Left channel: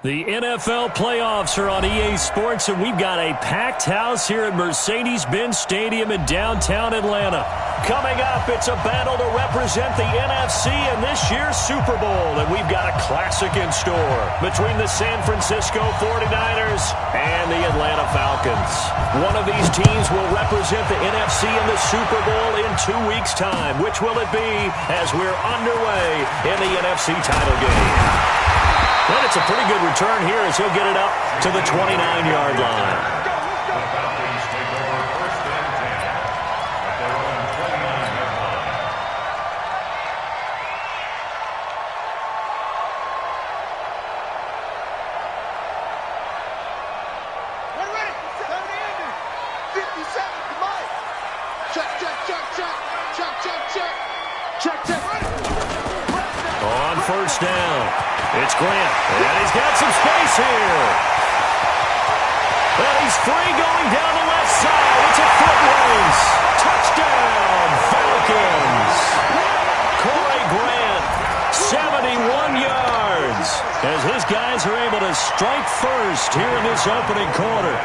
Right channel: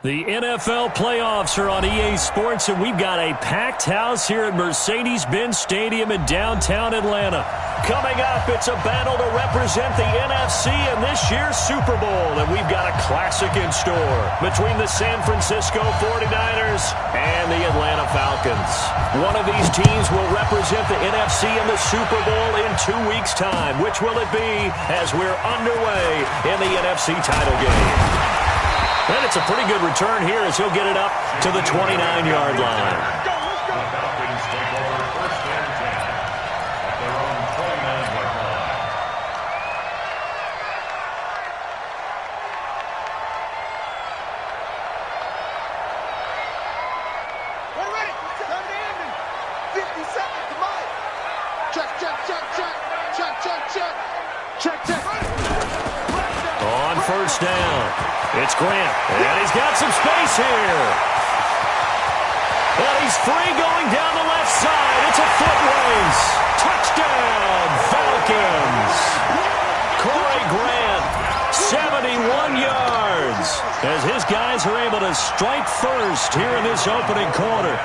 The NFL playoffs are on EA Sports, and we've got a packed house here at Mercedes-Benz Stadium in downtown Atlanta. Coming up, it's a battle to represent the NFC in this year's Super Bowl, and we've got a classic in store between the San Francisco 49ers and the Atlanta Falcons. One of these teams will represent the NFC in the Super Bowl in 2 weeks' time. Which will it be as we're underway in the NFC title game? And it's a pretty good return here as he'll get it up to the 29-yard line. The Falcons take over first and 10 at their own 29-yard line. Ready. Time to end it. 50 seconds to Mike. Check. On first down, it's Grant, and he's got some space here. And he's free going down the left side. It's a foot race. Touchdown, Falcons. Corey Grant, 71 yards, as his guys are able to strike first here in this opening quarter.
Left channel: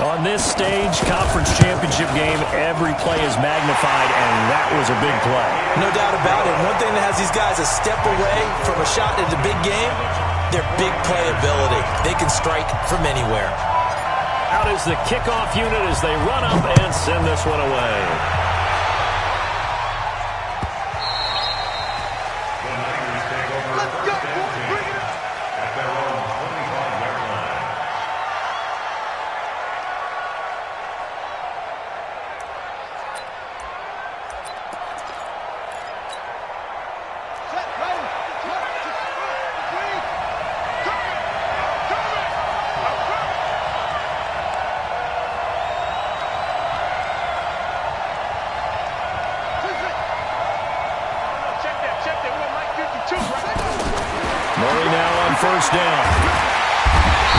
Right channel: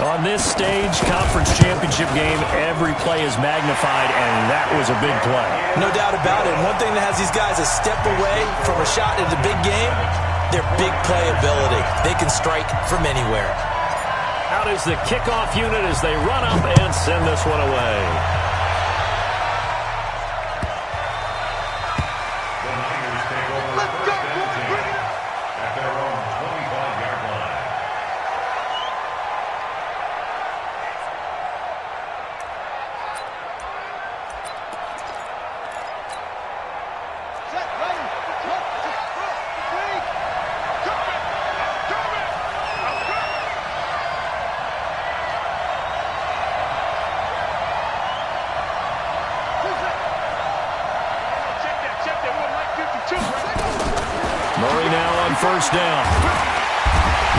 On this stage, conference championship game, every play is magnified, and that was a big play. No doubt about it. One thing that has these guys a step away from a shot in the big game, their big play ability. They can strike from anywhere. Out is the kickoff unit as they run up and send this one away. The Niners take over first and 10 at their own 25-yard line. Murray now on first down.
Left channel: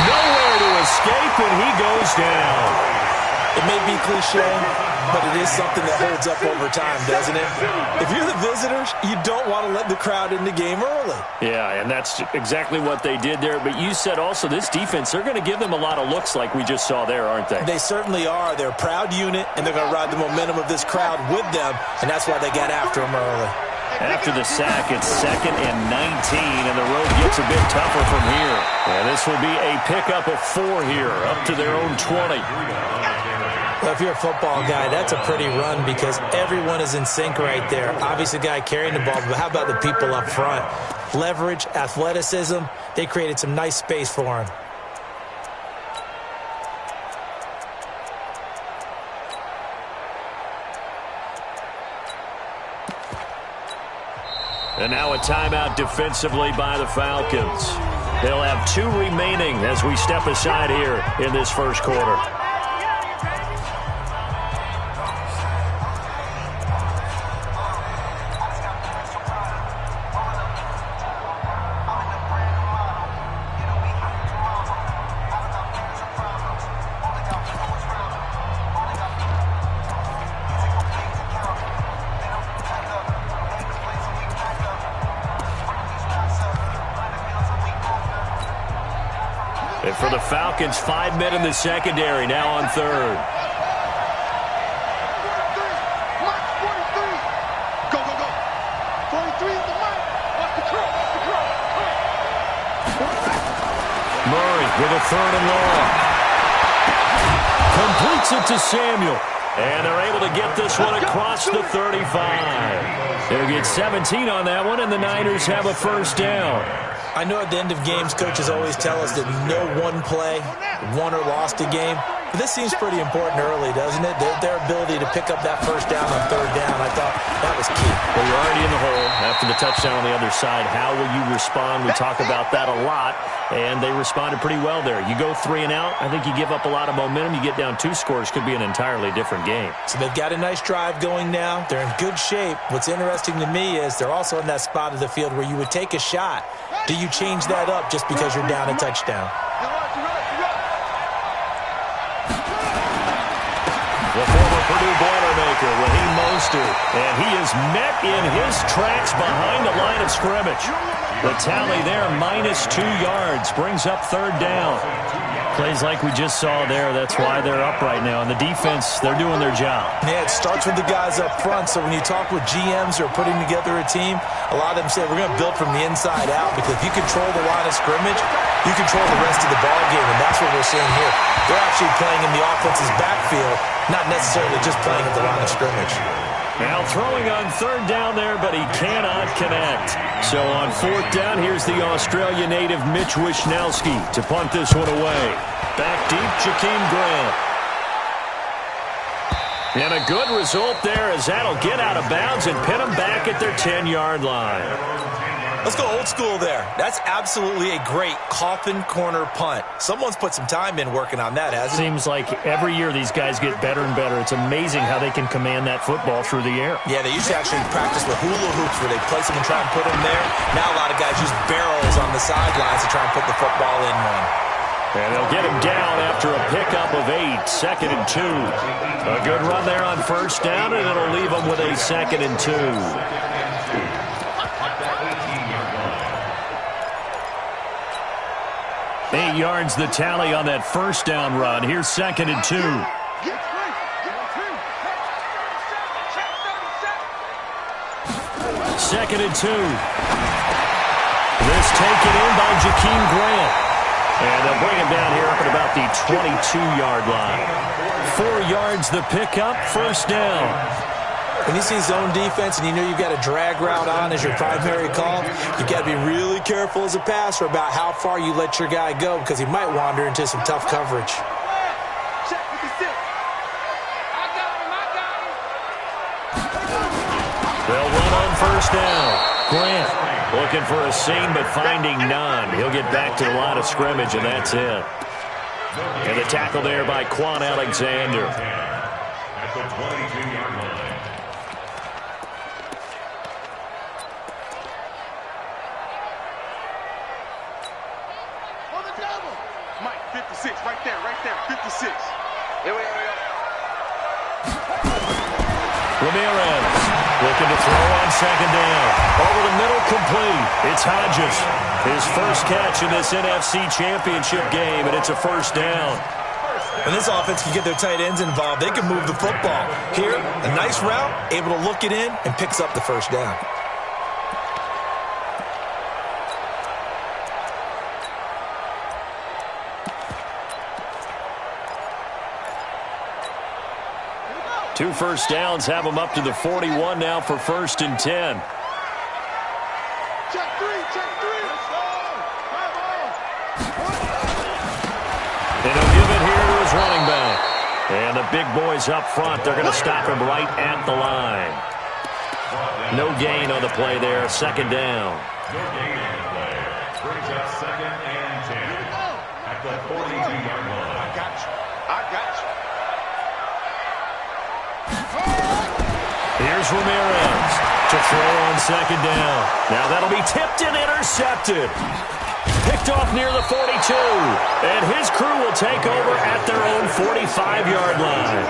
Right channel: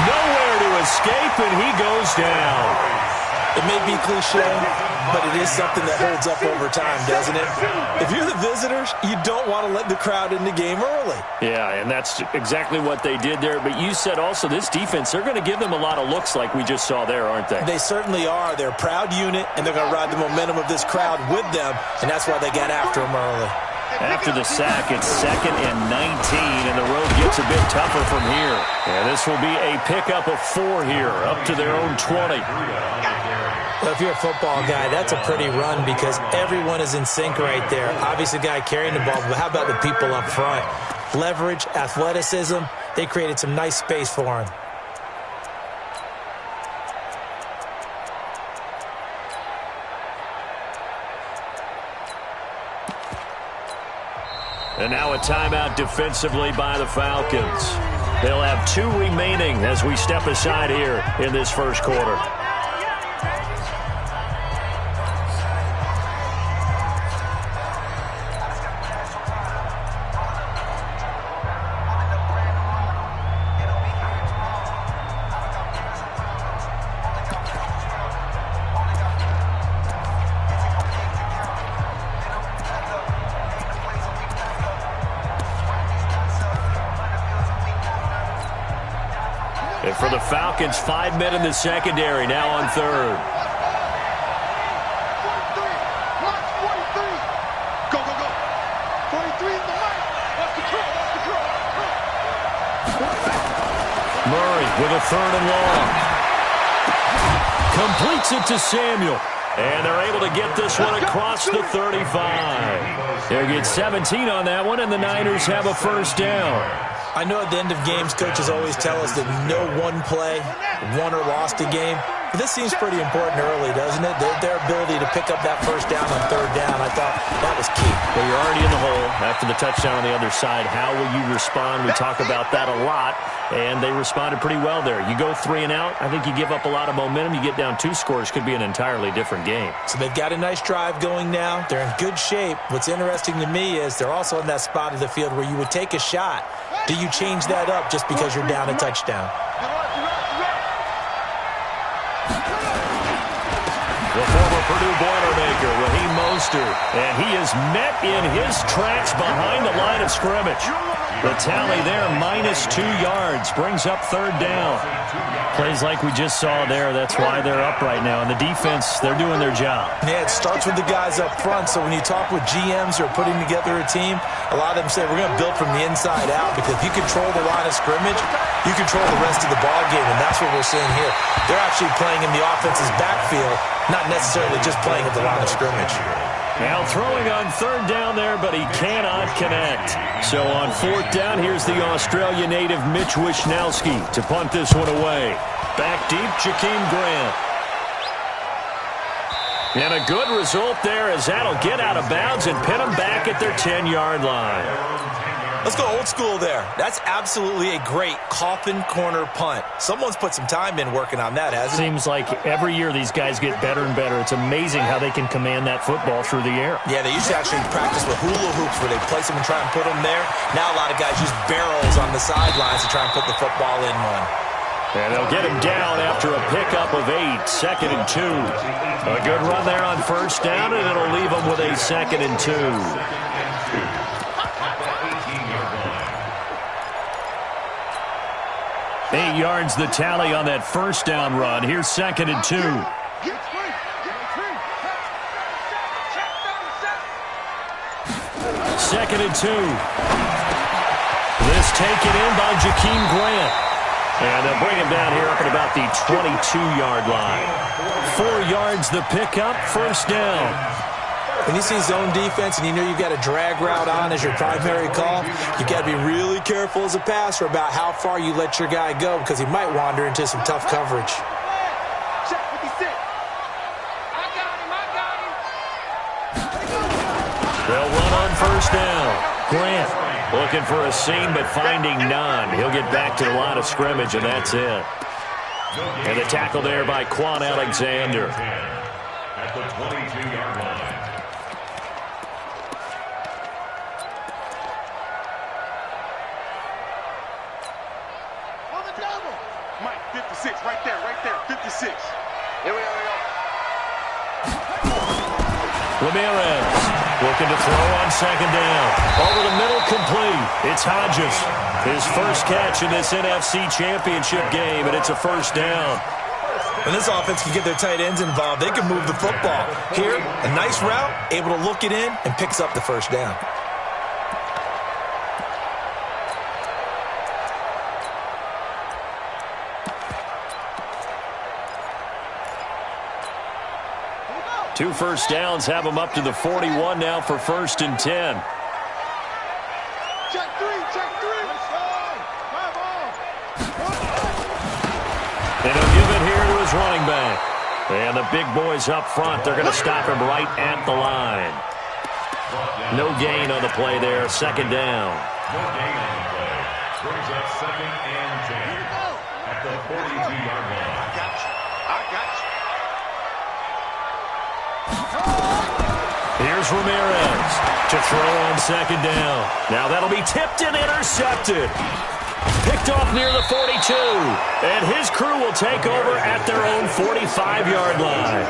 Nowhere to escape, and he goes down. It may be cliche, but it is something that holds up over time, doesn't it? If you're the visitors, you don't want to let the crowd in the game early. Yeah, and that's exactly what they did there. But you said also this defense, they're going to give them a lot of looks like we just saw there, aren't they? They certainly are. They're a proud unit, and they're going to ride the momentum of this crowd with them, and that's why they got after them early. After the sack, it's 2nd and 19, and the road gets a bit tougher from here. And this will be a pickup of 4 here, up to their own 20. Well, if you're a football guy, that's a pretty run because everyone is in sync right there. Obviously, the guy carrying the ball, but how about the people up front? Leverage, athleticism, they created some nice space for him. And now a timeout defensively by the Falcons. They'll have 2 remaining as we step aside here in this first quarter. And for the Falcons, 5 men in the secondary, now on third. 43. March 43. Go. 43 is the mic. Watch the curl. Murray with a 3rd and long. Completes it to Samuel. And they're able to get this one across the 35. They'll get 17 on that one, and the Niners have a first down. I know at the end of games, coaches always tell us that no one play won or lost a game. But this seems pretty important early, doesn't it? Their ability to pick up that first down on 3rd down, I thought that was key. Well, you're already in the hole after the touchdown on the other side. How will you respond? We talk about that a lot, and they responded pretty well there. You go 3 and out, I think you give up a lot of momentum. You get down 2 scores, could be an entirely different game. So they've got a nice drive going now. They're in good shape. What's interesting to me is they're also in that spot of the field where you would take a shot. Do you change that up just because you're down a touchdown? The former Purdue Boilermaker, Raheem Mostert, and he is met in his tracks behind the line of scrimmage. The tally there, -2 yards, brings up 3rd down. Plays like we just saw there, that's why they're up right now. And the defense, they're doing their job. Yeah, it starts with the guys up front. So when you talk with GMs who are putting together a team, a lot of them say we're going to build from the inside out, because if you control the line of scrimmage, you control the rest of the ball game, and that's what we're seeing here. They're actually playing in the offense's backfield, not necessarily just playing at the line of scrimmage. Now throwing on 3rd down there, but he cannot connect. So on 4th down, here's the Australia native Mitch Wishnowski to punt this one away. Back deep, Jakeem Grant. And a good result there, as that'll get out of bounds and pin them back at their 10-yard line. Let's go old school there. That's absolutely a great coffin corner punt. Someone's put some time in working on that, hasn't it? Seems like every year these guys get better and better. It's amazing how they can command that football through the air. Yeah, they used to actually practice with hula hoops where they place them and try and put them there. Now a lot of guys use barrels on the sidelines to try and put the football in one. And they'll get him down after a pickup of 8, 2nd and 2. A good run there on 1st down, and it'll leave them with a 2nd and 2. 8 yards the tally on that 1st down run. Here's 2nd and 2. Second and 2. This taken in by Jakeem Grant. And they'll bring him down here up at about the 22-yard line. 4 yards the pickup, 1st down. When you see zone defense and you know you've got a drag route on as your primary call, you've got to be really careful as a passer about how far you let your guy go, because he might wander into some tough coverage. They'll run on 1st down. Grant looking for a seam but finding none. He'll get back to the line of scrimmage, and that's it. And the tackle there by Quan Alexander. At the 22-yard line. Mike, 56, right there, 56. Here we go. Ramirez looking to throw on 2nd down. Over the middle, complete. It's Hodges. His first catch in this NFC Championship game, and it's a 1st down. When this offense can get their tight ends involved, they can move the football. Here, a nice route, able to look it in, and picks up the 1st down. Two 1st downs have them up to the 41 now for 1st and 10. Check 3. And he'll give it here to his running back. And the big boys up front, they're going to stop him right at the line. No gain on the play there, 2nd down. No gain on the play. Brings up 2nd and 10. At the 42-yard line. I got you. Here's Ramirez to throw on 2nd down. Now that'll be tipped and intercepted. Picked off near the 42. And his crew will take over at their own 45-yard line.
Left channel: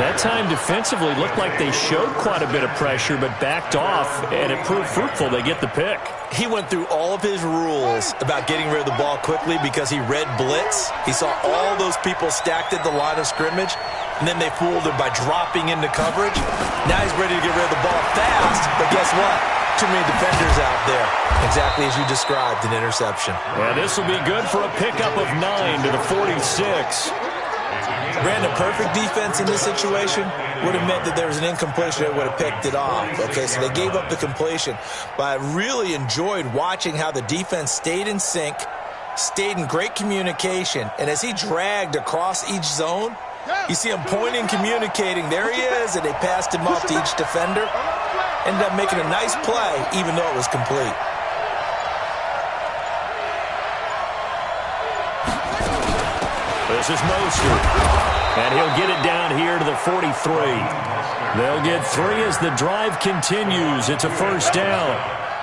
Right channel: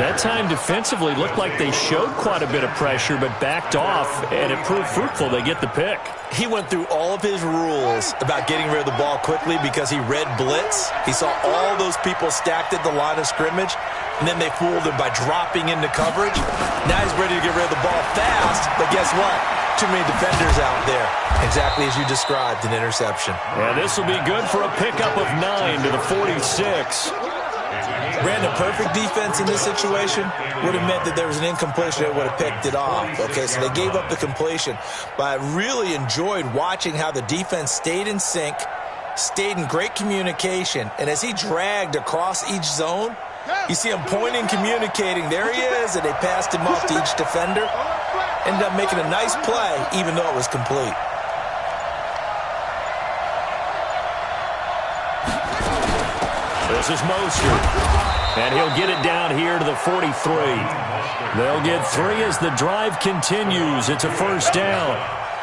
That time defensively looked like they showed quite a bit of pressure but backed off, and it proved fruitful. They get the pick. He went through all of his rules about getting rid of the ball quickly because he read blitz. He saw all those people stacked at the line of scrimmage, and then they fooled him by dropping into coverage. Now he's ready to get rid of the ball fast, but guess what? Too many defenders out there. Exactly as you described, an interception. And this will be good for a pickup of 9 to the 46. Brandon, perfect defense in this situation would have meant that there was an incompletion that would have picked it off. Okay, so they gave up the completion. But I really enjoyed watching how the defense stayed in sync, stayed in great communication, and as he dragged across each zone, you see him pointing, communicating. There he is, and they passed him off to each defender. Ended up making a nice play, even though it was complete. This is Mostert, and he'll get it down here to the 43. They'll get 3 as the drive continues. It's a 1st down.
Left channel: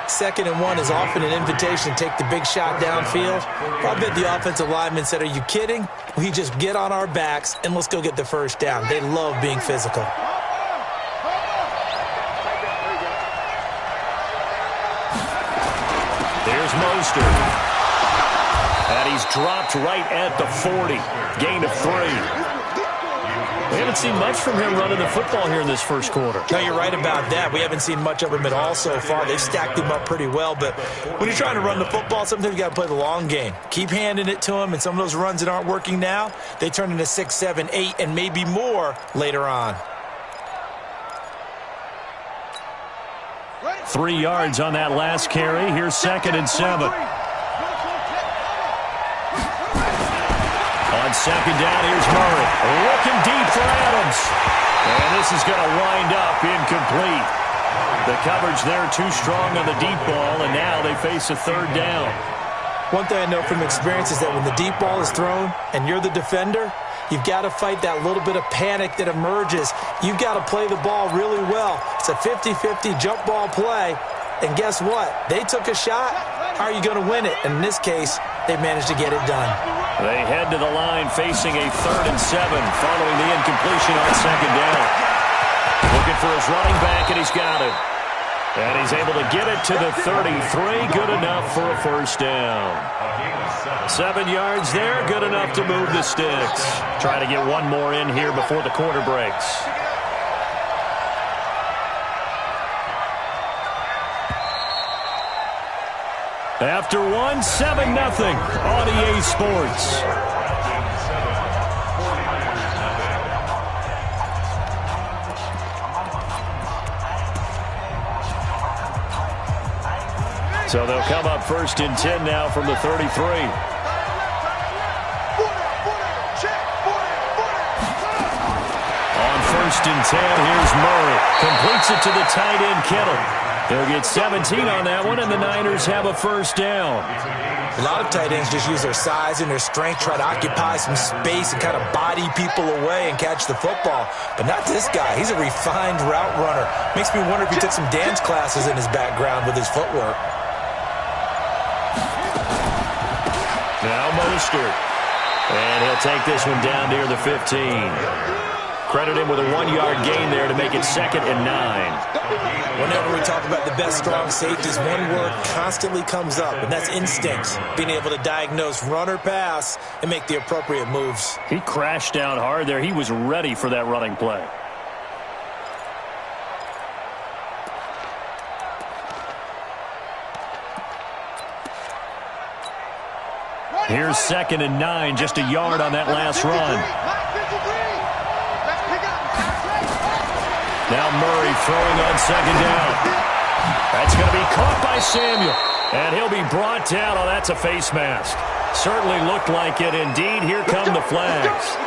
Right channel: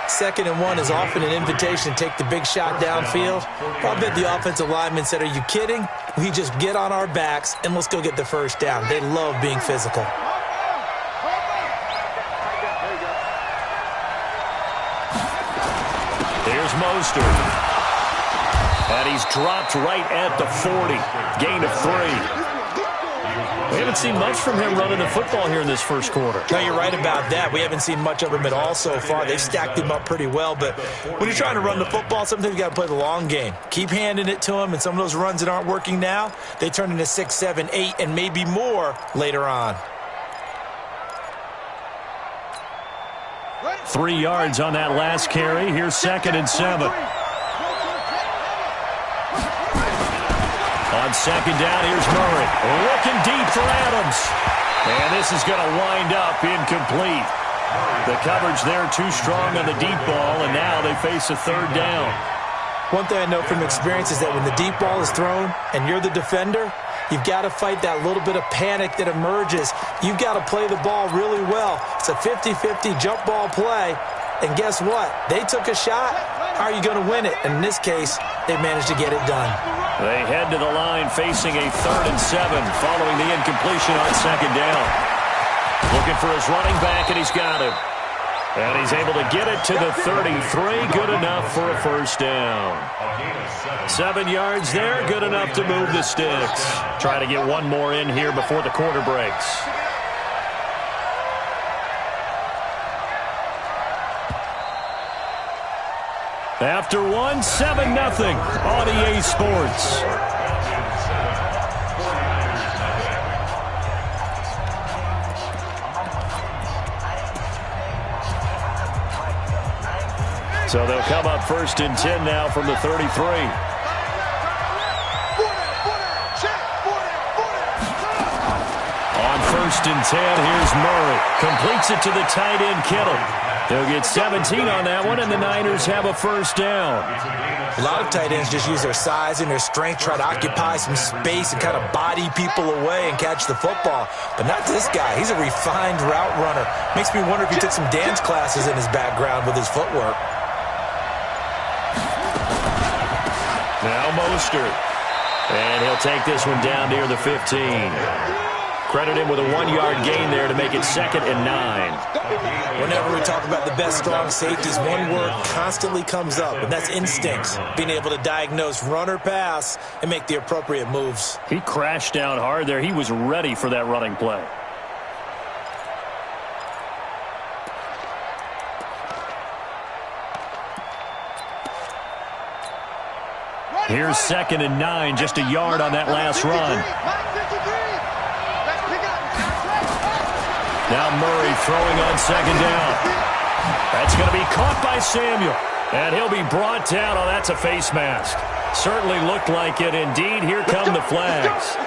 2nd and 1 is often an invitation to take the big shot downfield. I bet the offensive lineman said, are you kidding? We just get on our backs and let's go get the 1st down. They love being physical. is Mostert. And he's dropped right at the 40. Gain of 3. We haven't seen much from him running the football here in this first quarter. No, you're right about that. We haven't seen much of him at all so far. They've stacked him up pretty well, but when you're trying to run the football, sometimes you got to play the long game. Keep handing it to him, and some of those runs that aren't working now, they turn into 6, 7, 8, and maybe more later on. 3 yards on that last carry. Here's 2nd and 7. On 2nd down, here's Murray. Looking deep for Adams. And this is going to wind up incomplete. The coverage there too strong on the deep ball, and now they face a 3rd down. One thing I know from experience is that when the deep ball is thrown and you're the defender, you've got to fight that little bit of panic that emerges. You've got to play the ball really well. It's a 50-50 jump ball play. And guess what? They took a shot. How are you going to win it? And in this case, they managed to get it done. They head to the line facing a 3rd and 7 following the incompletion on 2nd down. Looking for his running back, and he's got him. And he's able to get it to the 33. Good enough for a 1st down. 7 yards there. Good enough to move the sticks. Try to get one more in here before the quarter breaks. After 1, 7-0 on EA Sports. So they'll come up 1st and 10 now from the 33. On 1st and 10, here's Murray. Completes it to the tight end, Kittle. They'll get 17 on that one, and the Niners have a 1st down. A lot of tight ends just use their size and their strength, try to occupy some space and kind of body people away and catch the football. But not this guy. He's a refined route runner. Makes me wonder if he took some dance classes in his background with his footwork. Now Mostert. And he'll take this one down near the 15. Credit him with a 1-yard gain there to make it 2nd and 9. Whenever we talk about the best strong safeties, one word constantly comes up, and that's instincts. Being able to diagnose run or pass and make the appropriate moves. He crashed down hard there. He was ready for that running play. Here's 2nd and 9, just a yard on that last run. Now Murray throwing on 2nd down. That's going to be caught by Samuel. And he'll be brought down. Oh, that's a face mask. Certainly looked like it. Indeed, here come the flags.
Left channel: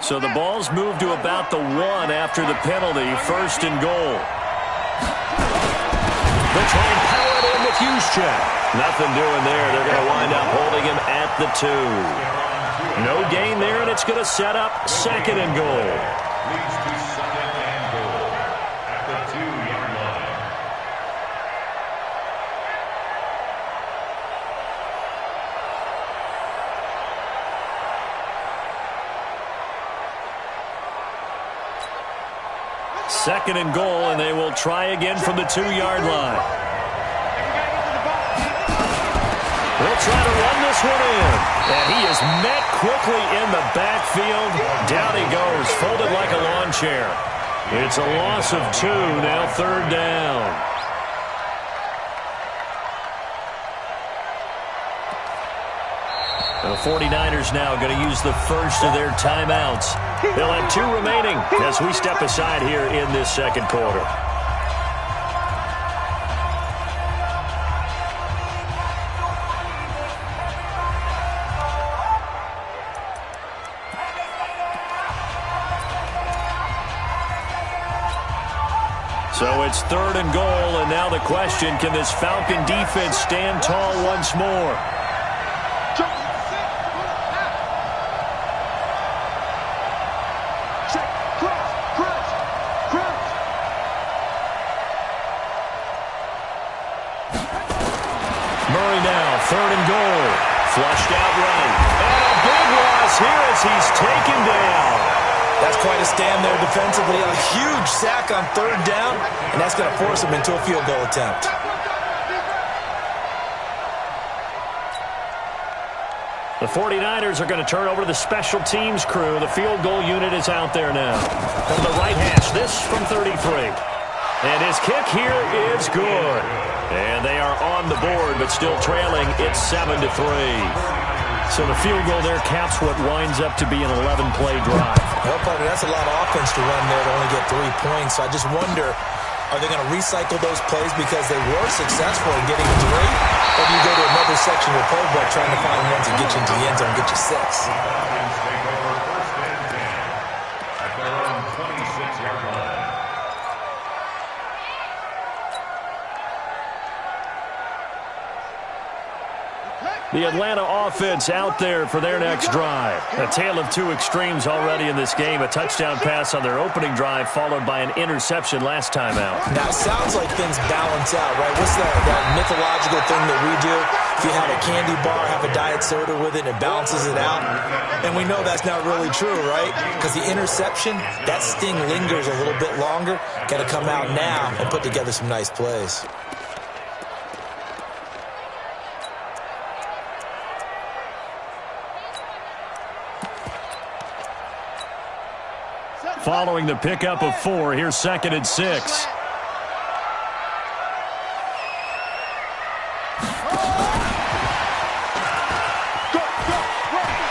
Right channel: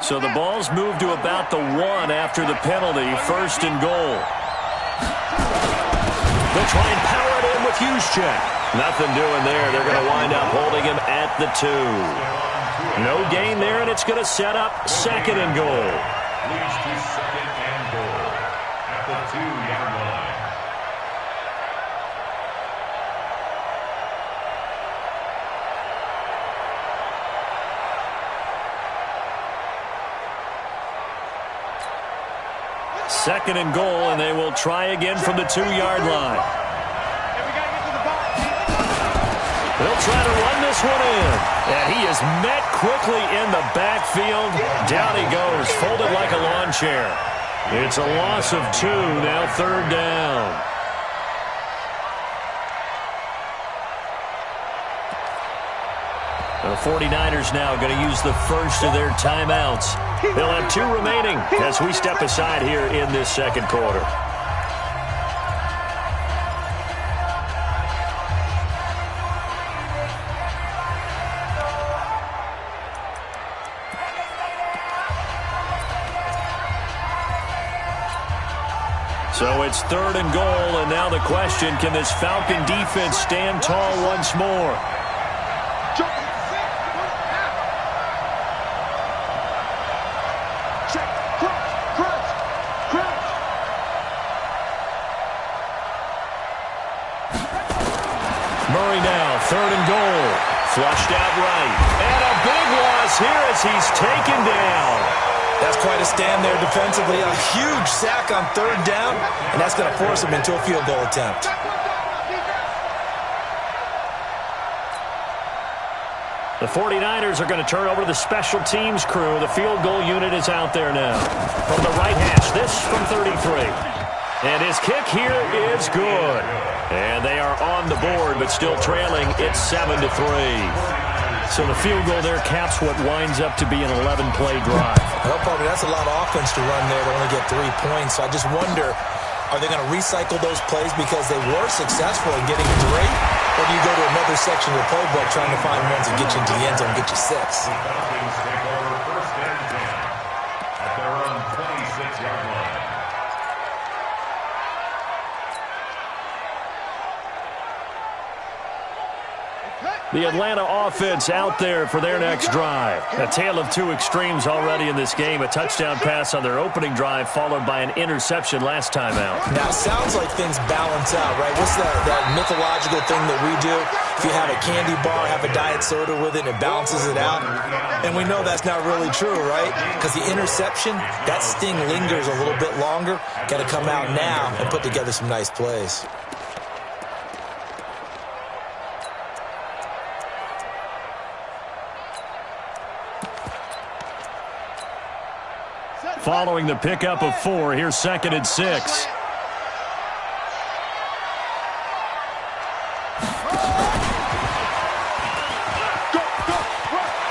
So the ball's moved to about the 1 after the penalty. 1st and goal. They'll try and power it in with Juszczyk. Nothing doing there. They're going to wind up holding him at the 2. No gain there, and it's going to set up 2nd and goal. Leads to 2nd and goal at the 2-yard line. Second and goal, and they will try again from the 2-yard line. They'll try to run this one in. And he is met quickly in the backfield. Down he goes, folded like a lawn chair. It's a loss of 2, now 3rd down. The 49ers now going to use the first of their timeouts. They'll have 2 remaining as we step aside here in this 2nd quarter. So it's 3rd and goal, and now the question, can this Falcon defense stand tall once more? Murray now, 3rd and goal. Flushed out right. And a big loss here as he's taken down. That's quite a stand there defensively. A huge sack on third down, and that's going to force him into a field goal attempt. The 49ers are going to turn over to the special teams crew. The field goal unit is out there now. From the right hash, this from 33. And his kick here is good. And they are on the board, but still trailing. It's 7-3. So the field goal there caps what winds up to be an 11-play drive. Well, partner, that's a lot of offense to run there to only get 3 points. So I just wonder, are they going to recycle those plays because they were successful in getting 3? Or do you go to another section of the playbook trying to find ones that get you into the end zone and get you 6? The Falcons take over first and 10 at their own 26-yard line. The Atlanta offense out there for their next drive. A tale of two extremes already in this game. A touchdown pass on their opening drive followed by an interception last time out. Now, it sounds like things balance out, right? What's that mythological thing that we do? If you have a candy bar, have a diet soda with it, and it balances it out. And we know that's not really true, right? Because the interception, that sting lingers a little bit longer. Got to come out now and put together some nice plays. Following the pickup of 4, here's 2nd and 6.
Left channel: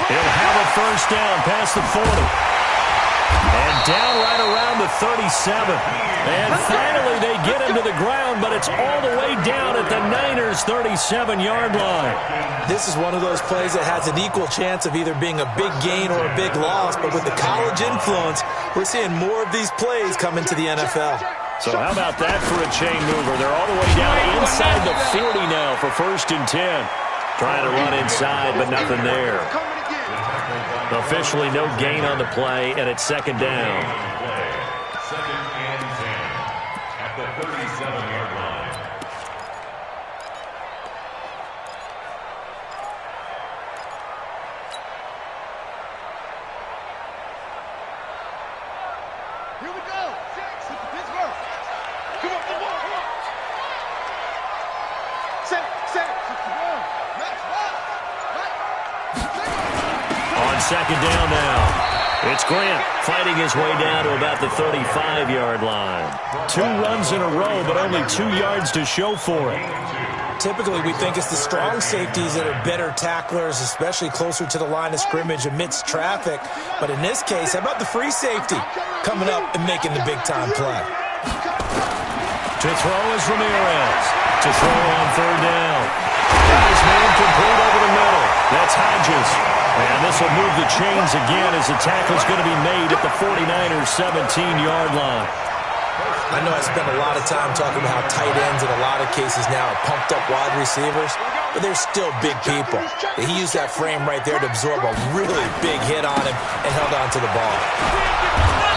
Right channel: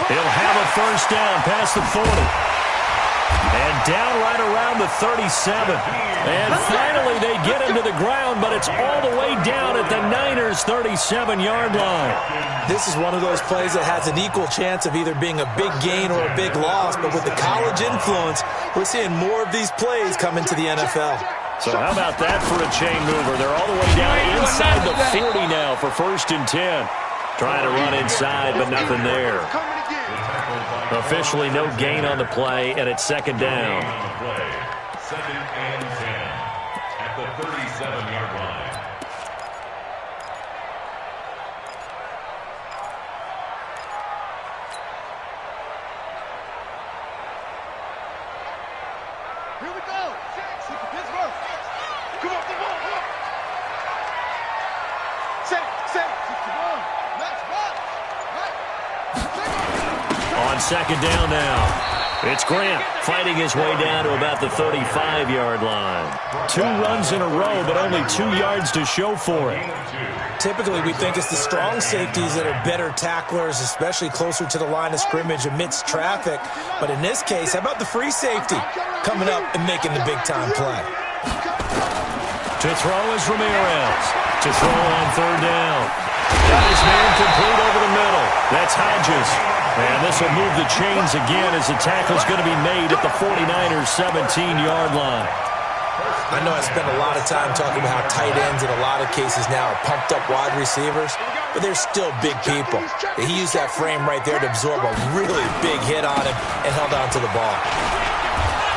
He'll have a first down past the 40. And down right around the 37. And finally they get him to the ground, but it's all the way down at the Niners' 37-yard line. This is one of those plays that has an equal chance of either being a big gain or a big loss, but with the college influence, we're seeing more of these plays come into the NFL. So how about that for a chain mover? They're all the way down inside the 40 now for 1st and 10. Trying to run inside, but nothing there. Officially no gain on the play, and it's 2nd down. 2nd and 10 at the 37-yard line. Here we go. 6 to Pittsburgh. Come on, come on, come on. 61. Next one. On 2nd down now. It's Grant fighting his way down to about the 35-yard line. 2 runs in a row, but only 2 yards to show for it. Typically, we think it's the strong safeties that are better tacklers, especially closer to the line of scrimmage amidst traffic. But in this case, how about the free safety coming up and making the big-time play? To throw is Ramirez. To throw on 3rd down. Got his man complete over the middle. That's Hodges. And this will move the chains again as the tackle's going to be made at the 49ers' 17-yard line. I know I spend a lot of time talking about how tight ends in a lot of cases now are pumped-up wide receivers, but they're still big people. He used that frame right there to absorb a really big hit on him and held on to the ball.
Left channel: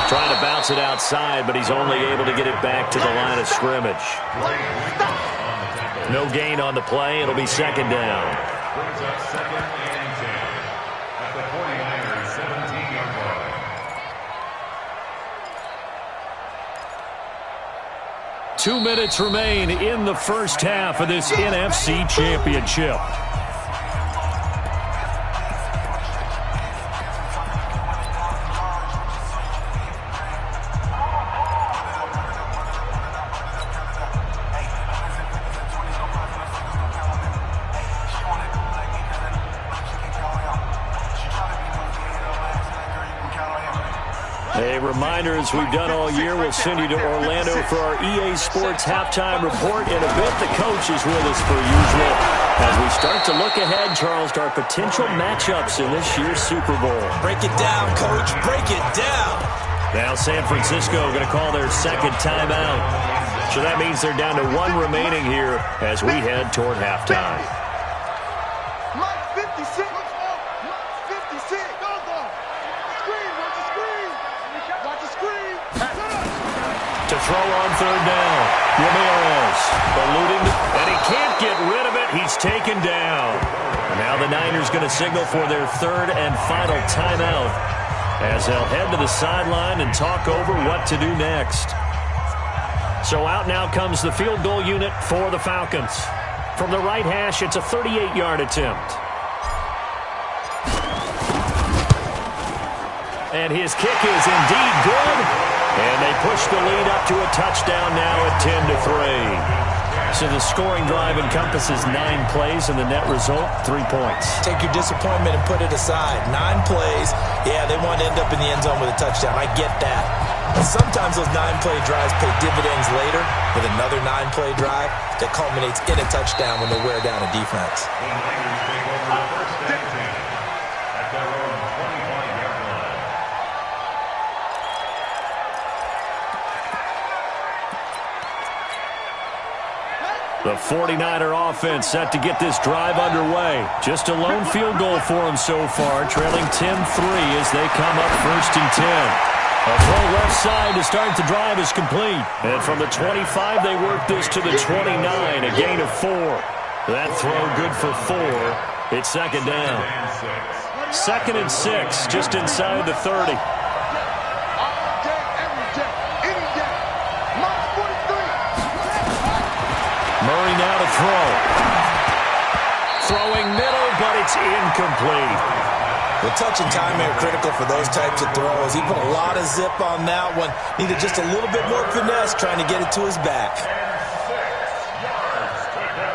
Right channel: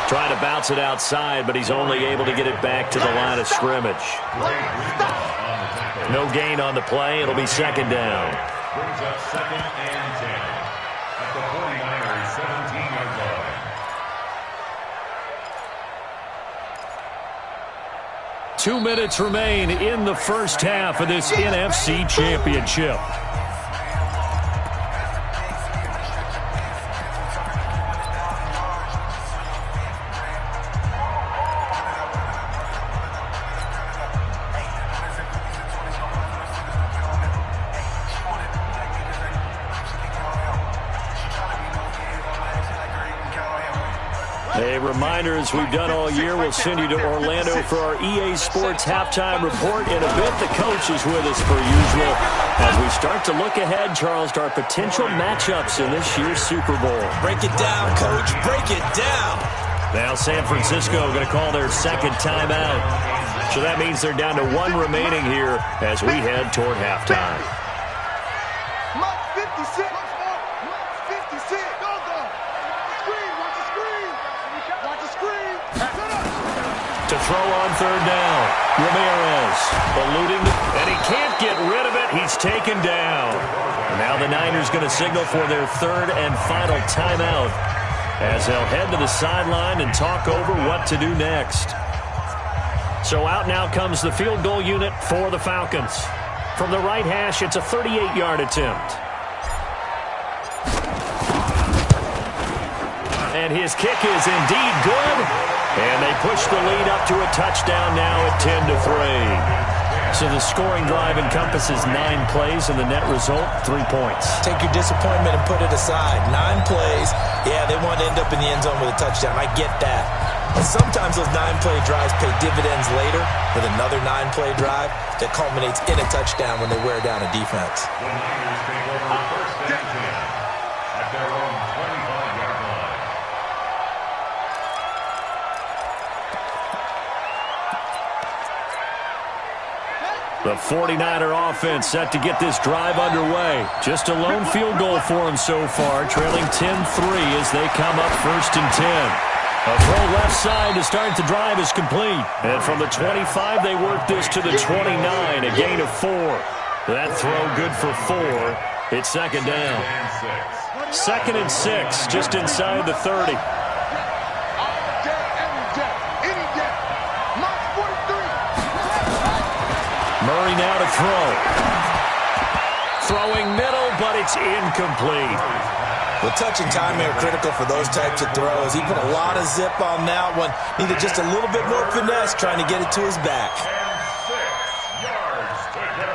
Trying to bounce it outside, but he's only able to get it back to the line of scrimmage. No gain on the play. It'll be 2nd down. Brings up 2nd and 10 at the 49ers' 17-yard line. 2 minutes remain in the first half of this NFC Championship. A reminder, as we've done all year, we'll send you to Orlando for our EA Sports halftime report. In a bit, the coach is with us per usual as we start to look ahead, Charles, to our potential matchups in this year's Super Bowl. Break it down, Coach. Break it down. Now San Francisco going to call their 2nd timeout. So that means they're down to 1 remaining here as we head toward halftime. Mike 56. Mike 56. Go. Screen. Watch the screen. Watch the screen. To To throw on third down. Ramirez eluding, and he can't get rid of it. He's taken down. Now the Niners going to signal for their third and final timeout as they'll head to the sideline and talk over what to do next. So out now comes the field goal unit for the Falcons. From the right hash, it's a 38-yard attempt. And his kick is indeed good. And they push the lead up to a touchdown now at 10-3. So the scoring drive encompasses 9 plays, and the net result, 3 points. Take your disappointment and put it aside. 9 plays. Yeah, they want to end up in the end zone with a touchdown. I get that. But sometimes those 9-play drives pay dividends later with another 9-play drive that culminates in a touchdown when they wear down a defense. The Niners take over first and 10 at their own 25-yard line. The 49er offense set to get this drive underway. Just a lone field goal for them so far, trailing 10-3 as they come up first and 10. A throw left side to start the drive is complete. And from the 25, they work this to the 29, a gain of 4. That throw good for 4. It's second down. 2nd and 6, just inside the 30. Murray now to throw. Throwing middle, but it's incomplete. Well, touch and timing are critical for those types of throws. He put a lot of zip on that one. Needed just a little bit more finesse trying to get it to his back. And 6 yards to go.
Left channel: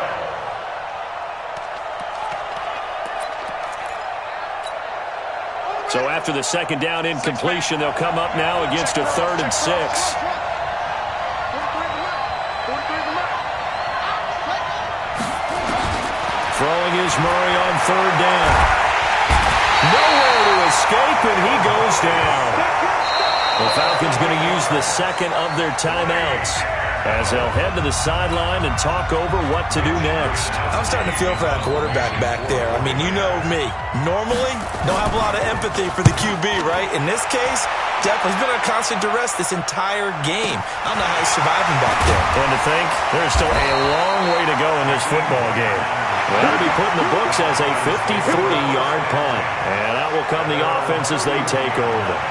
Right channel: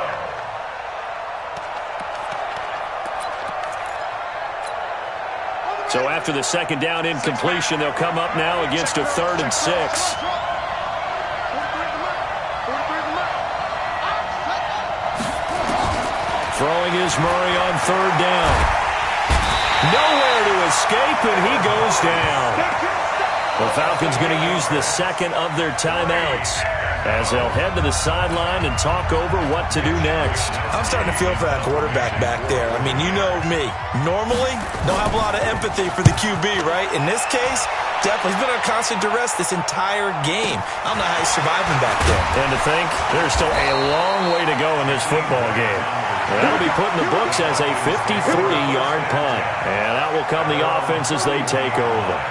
So after the second down incompletion, they'll come up now against a 3rd and 6. Throwing is Murray on 3rd down. Nowhere to escape, and he goes down. The Falcons going to use the second of their timeouts as they'll head to the sideline and talk over what to do next. I'm starting to feel for that quarterback back there. I mean, you know me. Normally, don't have a lot of empathy for the QB, right? In this case, definitely. He's been under constant duress this entire game. I don't know how he's surviving back there. And to think, there's still a long way to go in this football game. Well, that'll be put in the books as a 53-yard punt. And out will come the offense as they take over.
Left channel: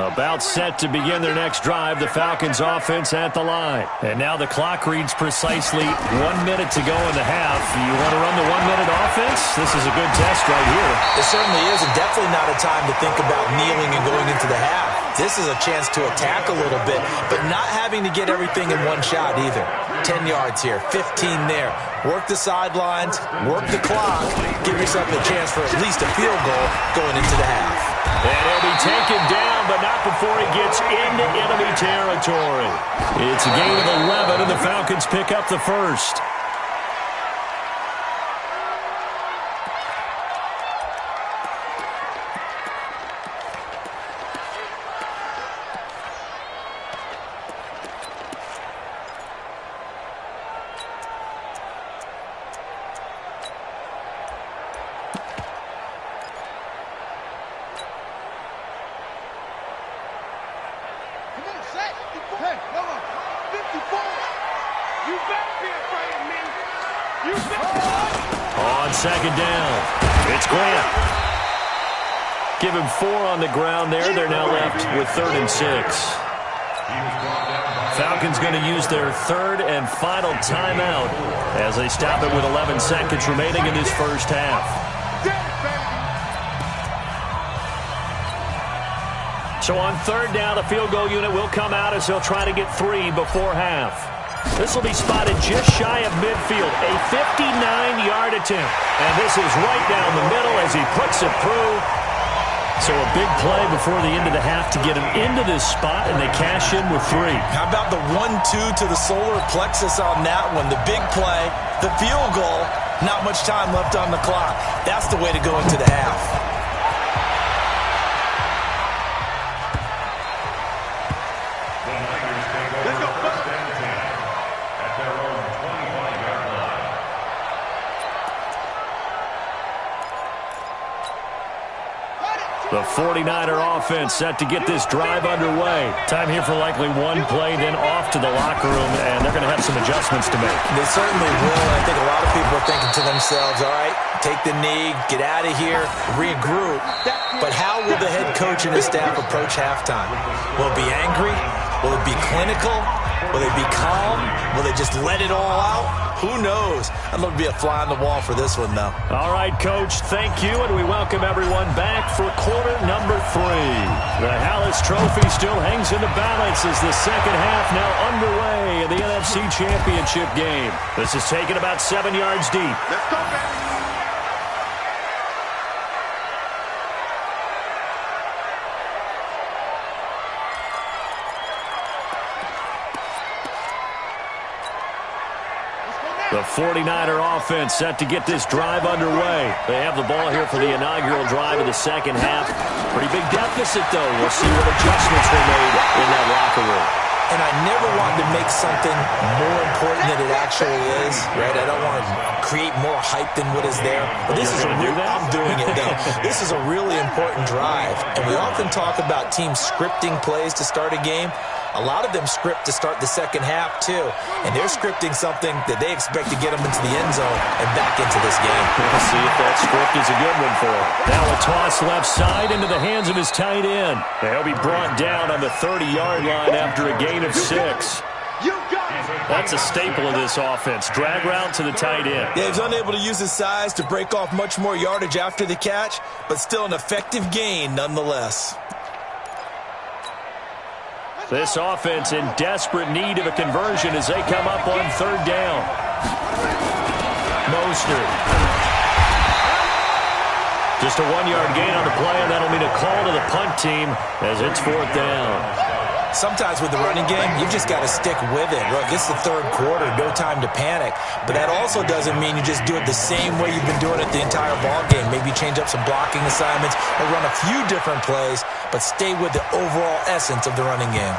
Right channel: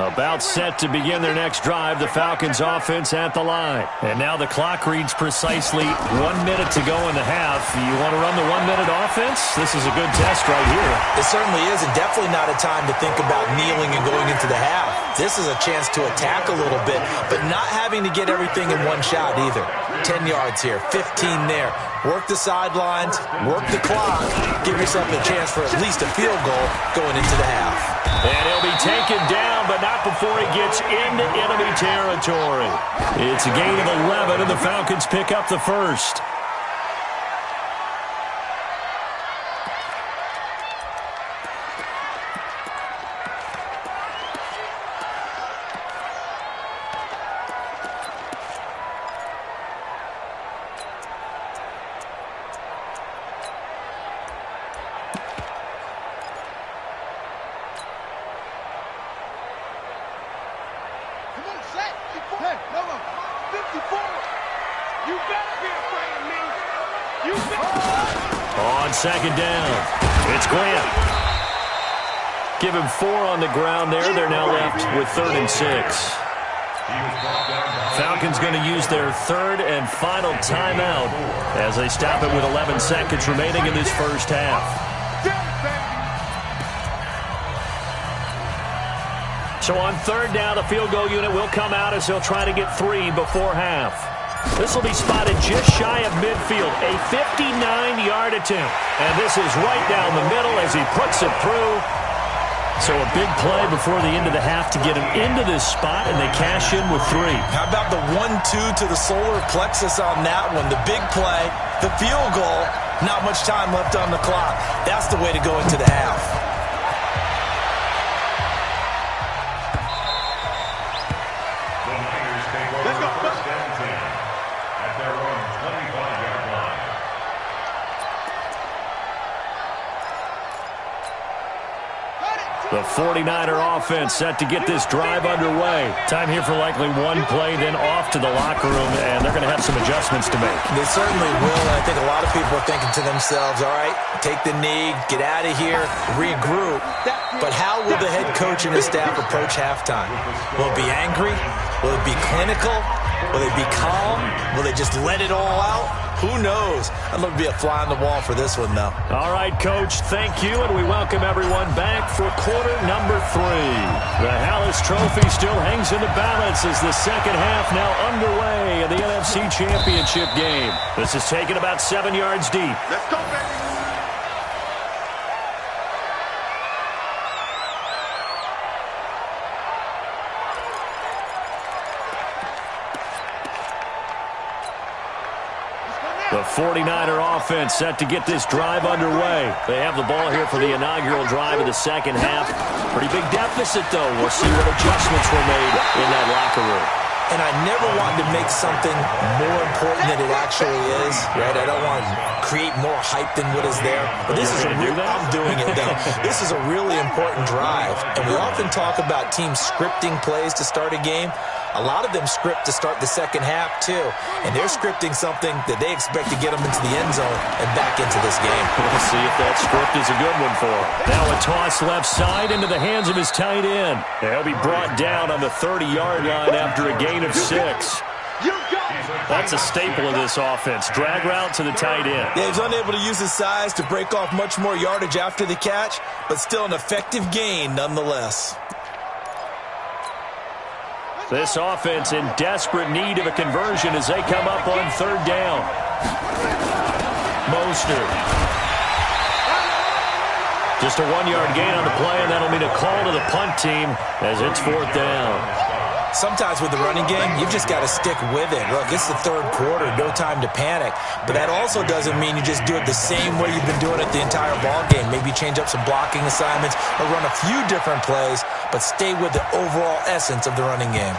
About set to begin their next drive, the Falcons offense at the line. And now the clock reads precisely 1 minute to go in the half. You want to run the 1-minute offense? This is a good test right here. It certainly is, and definitely not a time to think about kneeling and going into the half. This is a chance to attack a little bit, but not having to get everything in one shot either. 10 yards here, 15 there. Work the sidelines, work the clock, give yourself a chance for at least a field goal going into the half. And he'll be taken down, but not before he gets into enemy territory. It's a gain of 11, and the Falcons pick up the first. On second down, it's Grant. Give him 4 on the ground there. They're now left with 3rd and 6. Falcons going to use their 3rd and final timeout as they stop it with 11 seconds remaining in this first half. So on 3rd down, the field goal unit will come out as they'll try to get 3 before half. This will be spotted just shy of midfield, a 59-yard attempt. And this is right down the middle as he puts it through. So a big play before the end of the half to get him into this spot, and they cash in with 3. How about the 1-2 to the solar plexus on that one? The big play, the field goal, Not much time left on the clock. That's the way to go into the half. The Niners take over first and 10 at their own 25-yard line. The 49er offense set to get this drive underway. Time here for likely one play, then off to the locker room, and they're going to have some adjustments to make. They certainly will, and I think a lot of people are thinking to themselves, all right, take the knee, get out of here, regroup. But how will the head coach and his staff approach halftime? Will it be angry? Will it be clinical? Will they be calm? Will they just let it all out? Who knows? I'd love to be a fly on the wall for this one, though. All right, Coach, thank you, and we welcome everyone back for quarter number 3. The Hallis Trophy still hangs in the balance as the second half now underway in the NFC Championship game. This is taken about 7 yards deep. Let's go, baby. The 49er offense set to get this drive underway. They have the ball here for the inaugural drive of the second half. Pretty big deficit, though. We'll see what adjustments were made in that locker room. And I never wanted to make something more important than it actually is, right? I don't want to create more hype than what is there. But this is I'm doing it, though. This is a really important drive. And we often talk about teams scripting plays to start a game. A lot of them script to start the second half, too. And they're scripting something that they expect to get them into the end zone and back into this game. We'll see if that script is a good one for him. Now a toss left side into the hands of his tight end. He'll be brought down on the 30-yard line after a gain of 6. That's a staple of this offense. Drag route to the tight end. Yeah, he's unable to use his size to break off much more yardage after the catch, but still an effective gain nonetheless. This offense in desperate need of a conversion as they come up on third down. Mostert. Just a 1-yard gain on the play, and that'll mean a call to the punt team as it's fourth down. Sometimes with the running game, you've just got to stick with it. Look, it's the third quarter, no time to panic. But that also doesn't mean you just do it the same way you've been doing it the entire ball game. Maybe change up some blocking assignments or run a few different plays, but stay with the overall essence of the running game.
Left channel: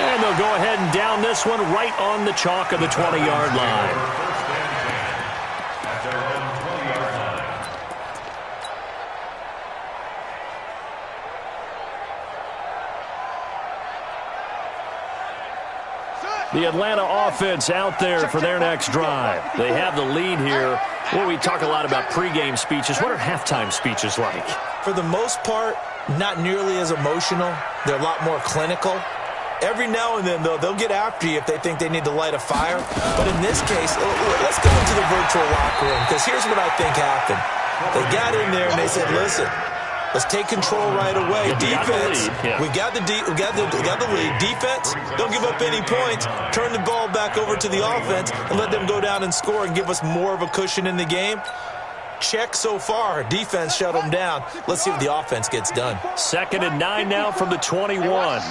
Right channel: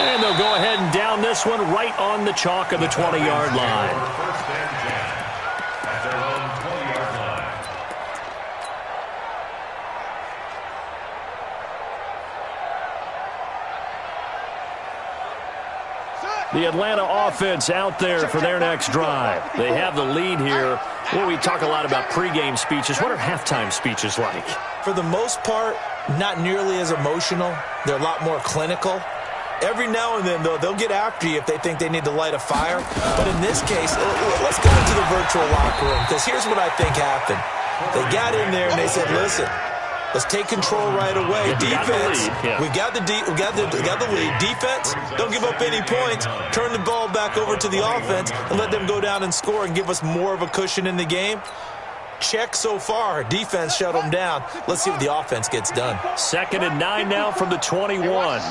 And they'll go ahead and down this one right on the chalk of the 20-yard line. First and 10 at their own 20-yard line. The Atlanta offense out there for their next drive. They have the lead here. Well, we talk a lot about pregame speeches. What are halftime speeches like? For the most part, not nearly as emotional. They're a lot more clinical. Every now and then, though, they'll get after you if they think they need to light a fire. But in this case, let's go into the virtual locker room, because here's what I think happened. They got in there and they said, listen, let's take control right away. Defense, we got the lead. Defense, don't give up any points. Turn the ball back over to the offense and let them go down and score and give us more of a cushion in the game. Check so far. Defense shut them down. Let's see what the offense gets done. 2nd and 9 now from the 21.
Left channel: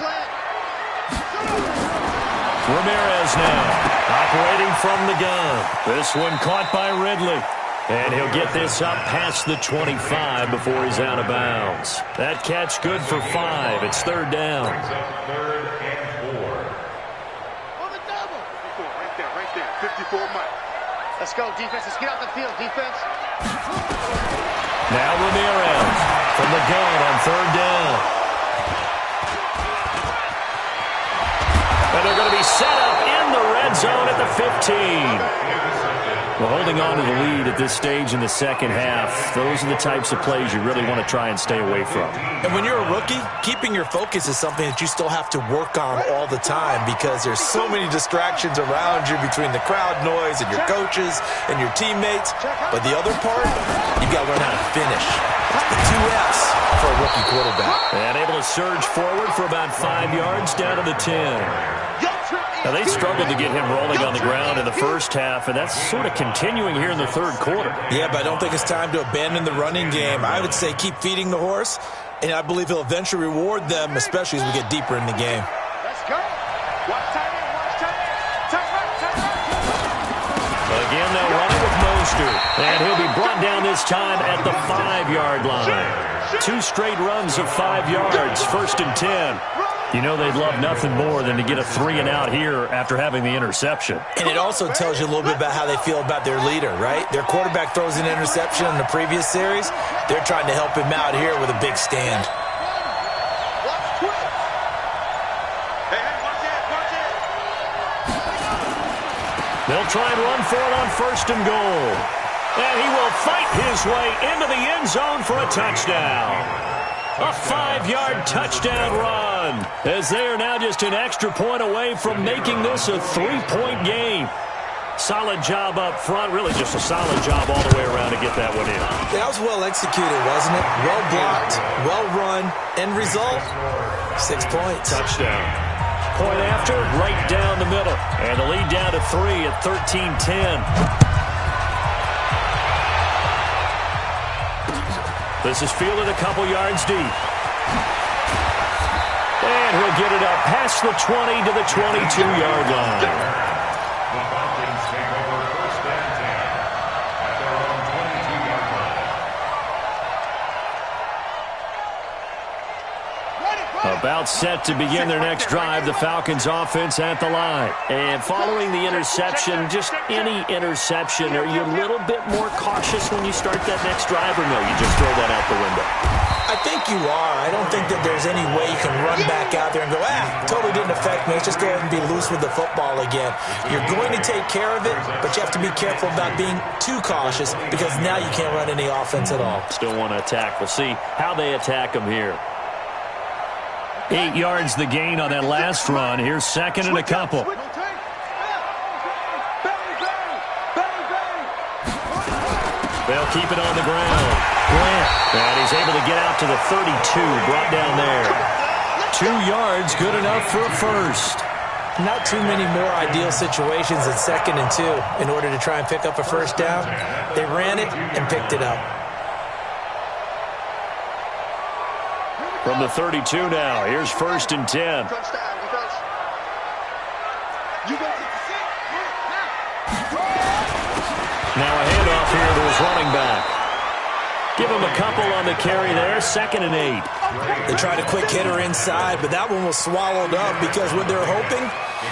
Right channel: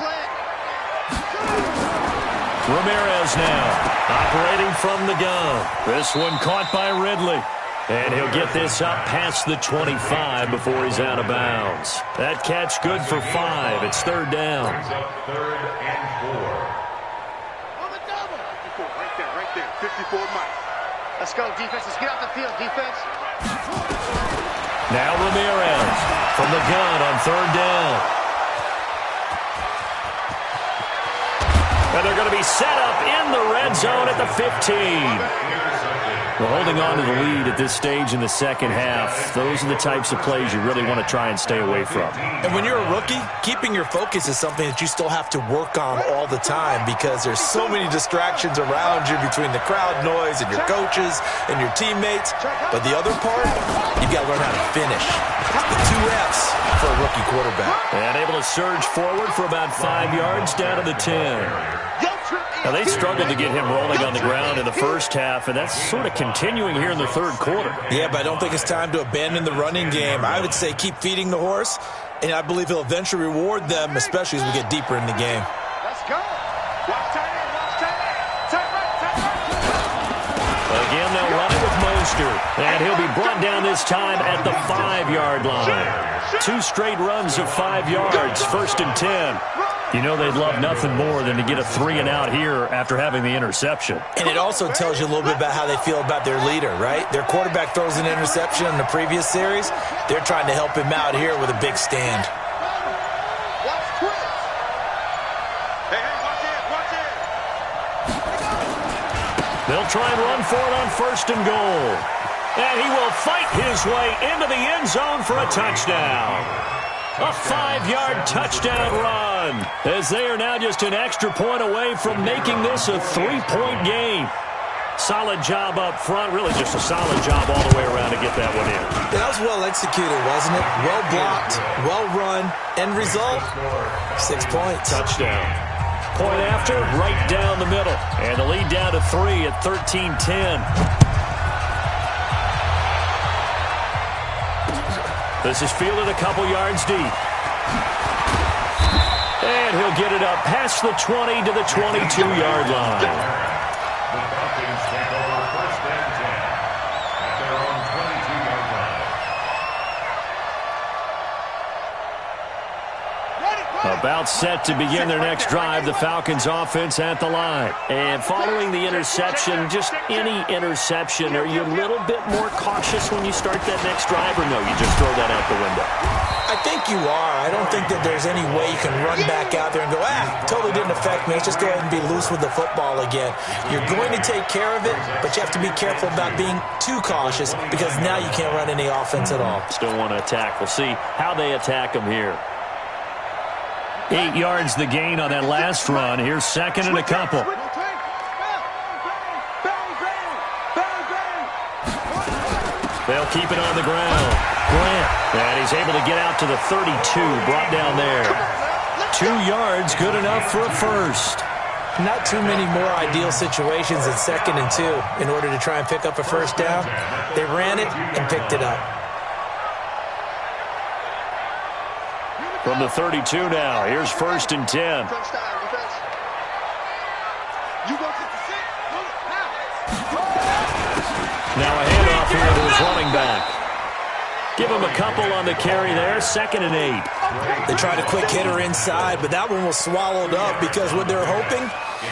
Ramirez now, operating from the gun. This one caught by Ridley. And he'll get this up past the 25 before he's out of bounds. That catch good for 5. It's third down. Brings up 3rd and 4. On the double. 54, right there. 54 Mike. Let's go, defense. Let's get out the field, defense. Now Ramirez from the gun on third down. And they're going to be set up in the red zone at the 15. Well, holding on to the lead at this stage in the second half, those are the types of plays you really want to try and stay away from. And when you're a rookie, keeping your focus is something that you still have to work on all the time, because there's so many distractions around you between the crowd noise and your coaches and your teammates. But the other part, you've got to learn how to finish. The 2 F's for a rookie quarterback. And able to surge forward for about 5 yards down to the 10. Now, they struggled to get him rolling on the ground in the first half, and that's sort of continuing here in the third quarter. Yeah, but I don't think it's time to abandon the running game. I would say keep feeding the horse, and I believe he'll eventually reward them, especially as we get deeper in the game. Let's go. Watch tight end, watch tight end. Tight right. Again, they'll run it with with Mostert. And he'll be brought down this time at the 5-yard line. 2 straight runs of 5 yards, 1st and 10. You know they'd love nothing more than to get a 3-and-out here after having the interception. And it also tells you a little bit about how they feel about their leader, right? Their quarterback throws an interception in the previous series. They're trying to help him out here with a big stand. They'll try and run for it on 1st and goal. And he will fight his way into the end zone for a touchdown. A 5-yard touchdown run, as they are now just an extra point away from making this a 3-point game. Solid job up front, really just a solid job all the way around to get that one in. Yeah, that was well executed, wasn't it? Well blocked, well run, end result, 6 points. Touchdown. Point after, right down the middle. And the lead down to 3 at 13-10. This is fielded a couple yards deep. And he'll get it up past the 20 to the 22-yard line. The Falcons take over 1st and 10 at their own 22-yard line. About set to begin their next drive, the Falcons offense at the line. And following the interception, just any interception, are you a little bit more cautious when you start that next drive, or no, you just throw that out the window? I think you are. I don't think that there's any way you can run back out there and go, totally didn't affect me. Let's just go ahead and be loose with the football again. You're going to take care of it, but you have to be careful about being too cautious because now you can't run any offense at all. Still want to attack. We'll see how they attack them here. 8 yards the gain on that last run. Here's 2nd and a couple. They'll keep it on the ground. Grant, and he's able to get out to the 32, brought down there. 2 yards, good enough for a first. Not too many more ideal situations in 2nd and 2 in order to try and pick up a first down. They ran it and picked it up. From the 32 now, here's 1st and 10. Now a handoff here to his running back. Give him a couple on the carry there, 2nd and 8. They tried a quick hitter inside, but that one was swallowed up because what they're hoping,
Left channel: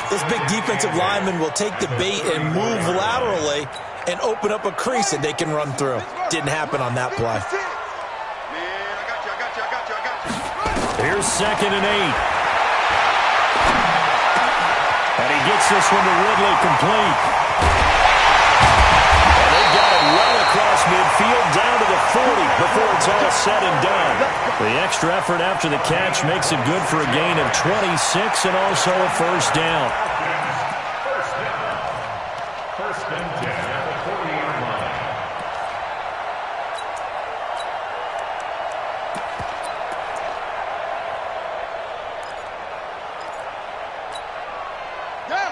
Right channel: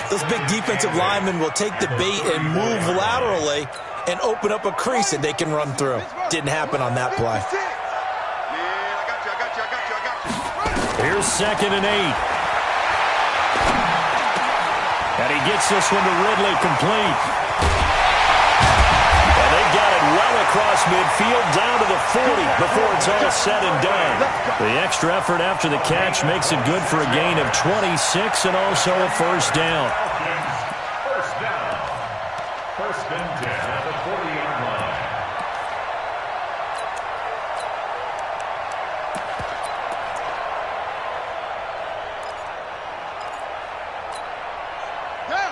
those big defensive linemen will take the bait and move laterally and open up a crease that they can run through. Didn't happen on that play. Here's 2nd and 8. And he gets this one to Ridley complete. And they got it well across midfield down to the 40 before it's all said and done. The extra effort after the catch makes it good for a gain of 26 and also a first down. First down. 1st and 10 at the 40-yard line.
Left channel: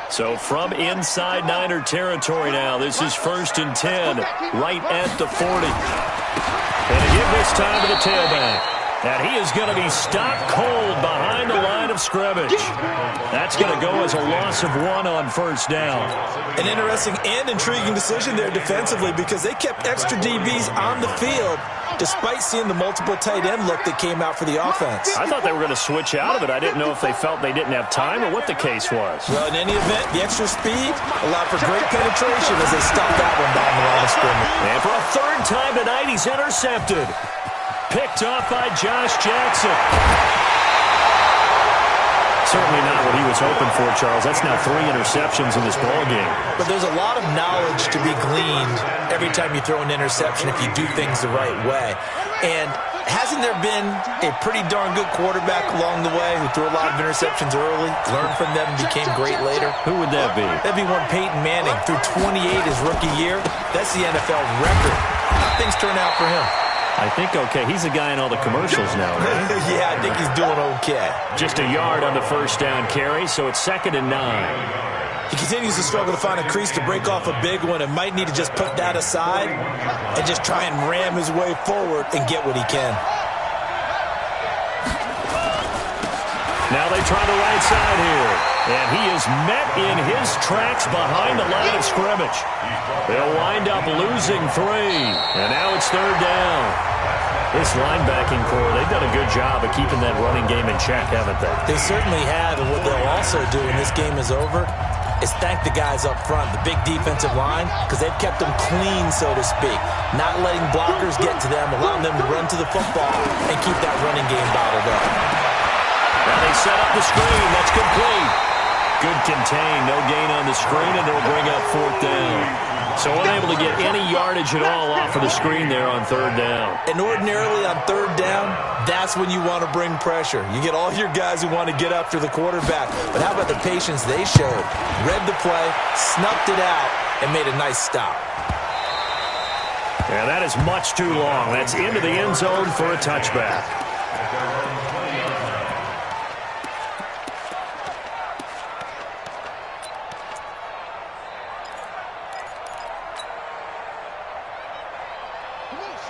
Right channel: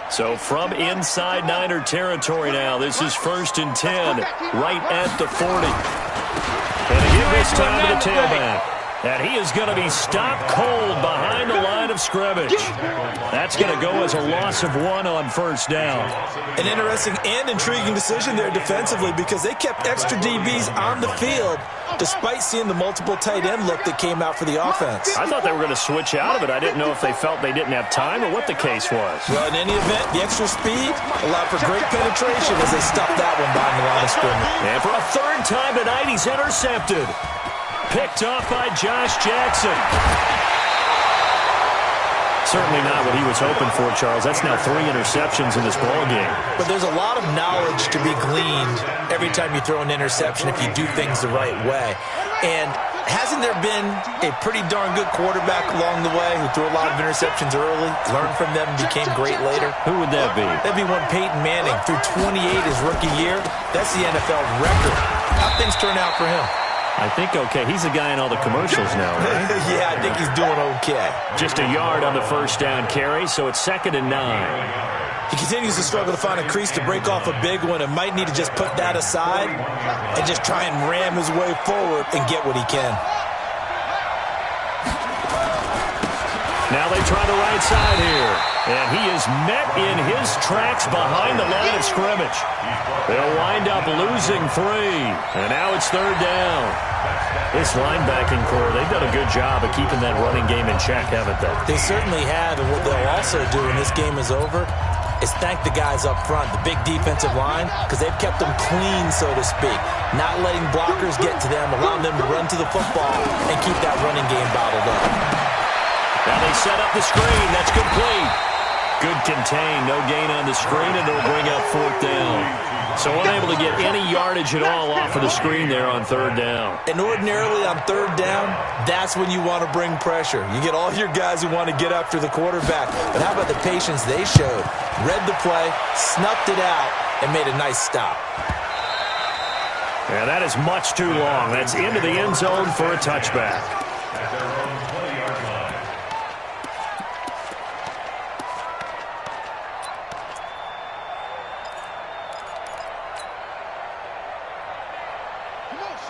So from inside Niner territory now, this is 1st and 10, right at the 40. And again this time to the tailback. And he is going to be stopped cold behind the line of scrimmage. That's going to go as a loss of 1 on first down. An interesting and intriguing decision there defensively because they kept extra DBs on the field despite seeing the multiple tight end look that came out for the offense. I thought they were going to switch out of it. I didn't know if they felt they didn't have time or what the case was. Well, in any event, the extra speed allowed for great penetration as they stopped that one behind the line of scrimmage. And for a 3rd time tonight, he's intercepted. Picked off by Josh Jackson. Certainly not what he was hoping for, Charles. That's now 3 interceptions in this ballgame. But there's a lot of knowledge to be gleaned every time you throw an interception if you do things the right way. And hasn't there been a pretty darn good quarterback along the way who threw a lot of interceptions early, learned from them, and became great later? Who would that be? That'd be one Peyton Manning. Threw 28 his rookie year. That's the NFL record. How'd things turn out for him? I think okay. He's the guy in all the commercials now, right? Yeah, I think he's doing okay. Just a yard on the first down carry, so it's 2nd and 9. He continues to struggle to find a crease to break off a big one and might need to just put that aside and just try and ram his way forward and get what he can. Now they try the right side here. And he is met in his tracks behind the line of scrimmage. They'll wind up losing 3. And now it's 3rd down. This linebacking core, they've done a good job of keeping that running game in check, haven't they? They certainly have. And what they'll also do when this game is over is thank the guys up front, the big defensive line, because they've kept them clean, so to speak. Not letting blockers get to them, allowing them to run to the football and keep that running game bottled up. Now they set up the screen. That's complete. Good contain. No gain on the screen, and it'll bring up 4th down. So unable to get any yardage at all off of the screen there on 3rd down. And ordinarily on 3rd down, that's when you want to bring pressure. You get all your guys who want to get after the quarterback. But how about the patience they showed? Read the play, snuffed it out, and made a nice stop. And that is much too long. That's into the end zone for a touchback. At their own 20-yard line.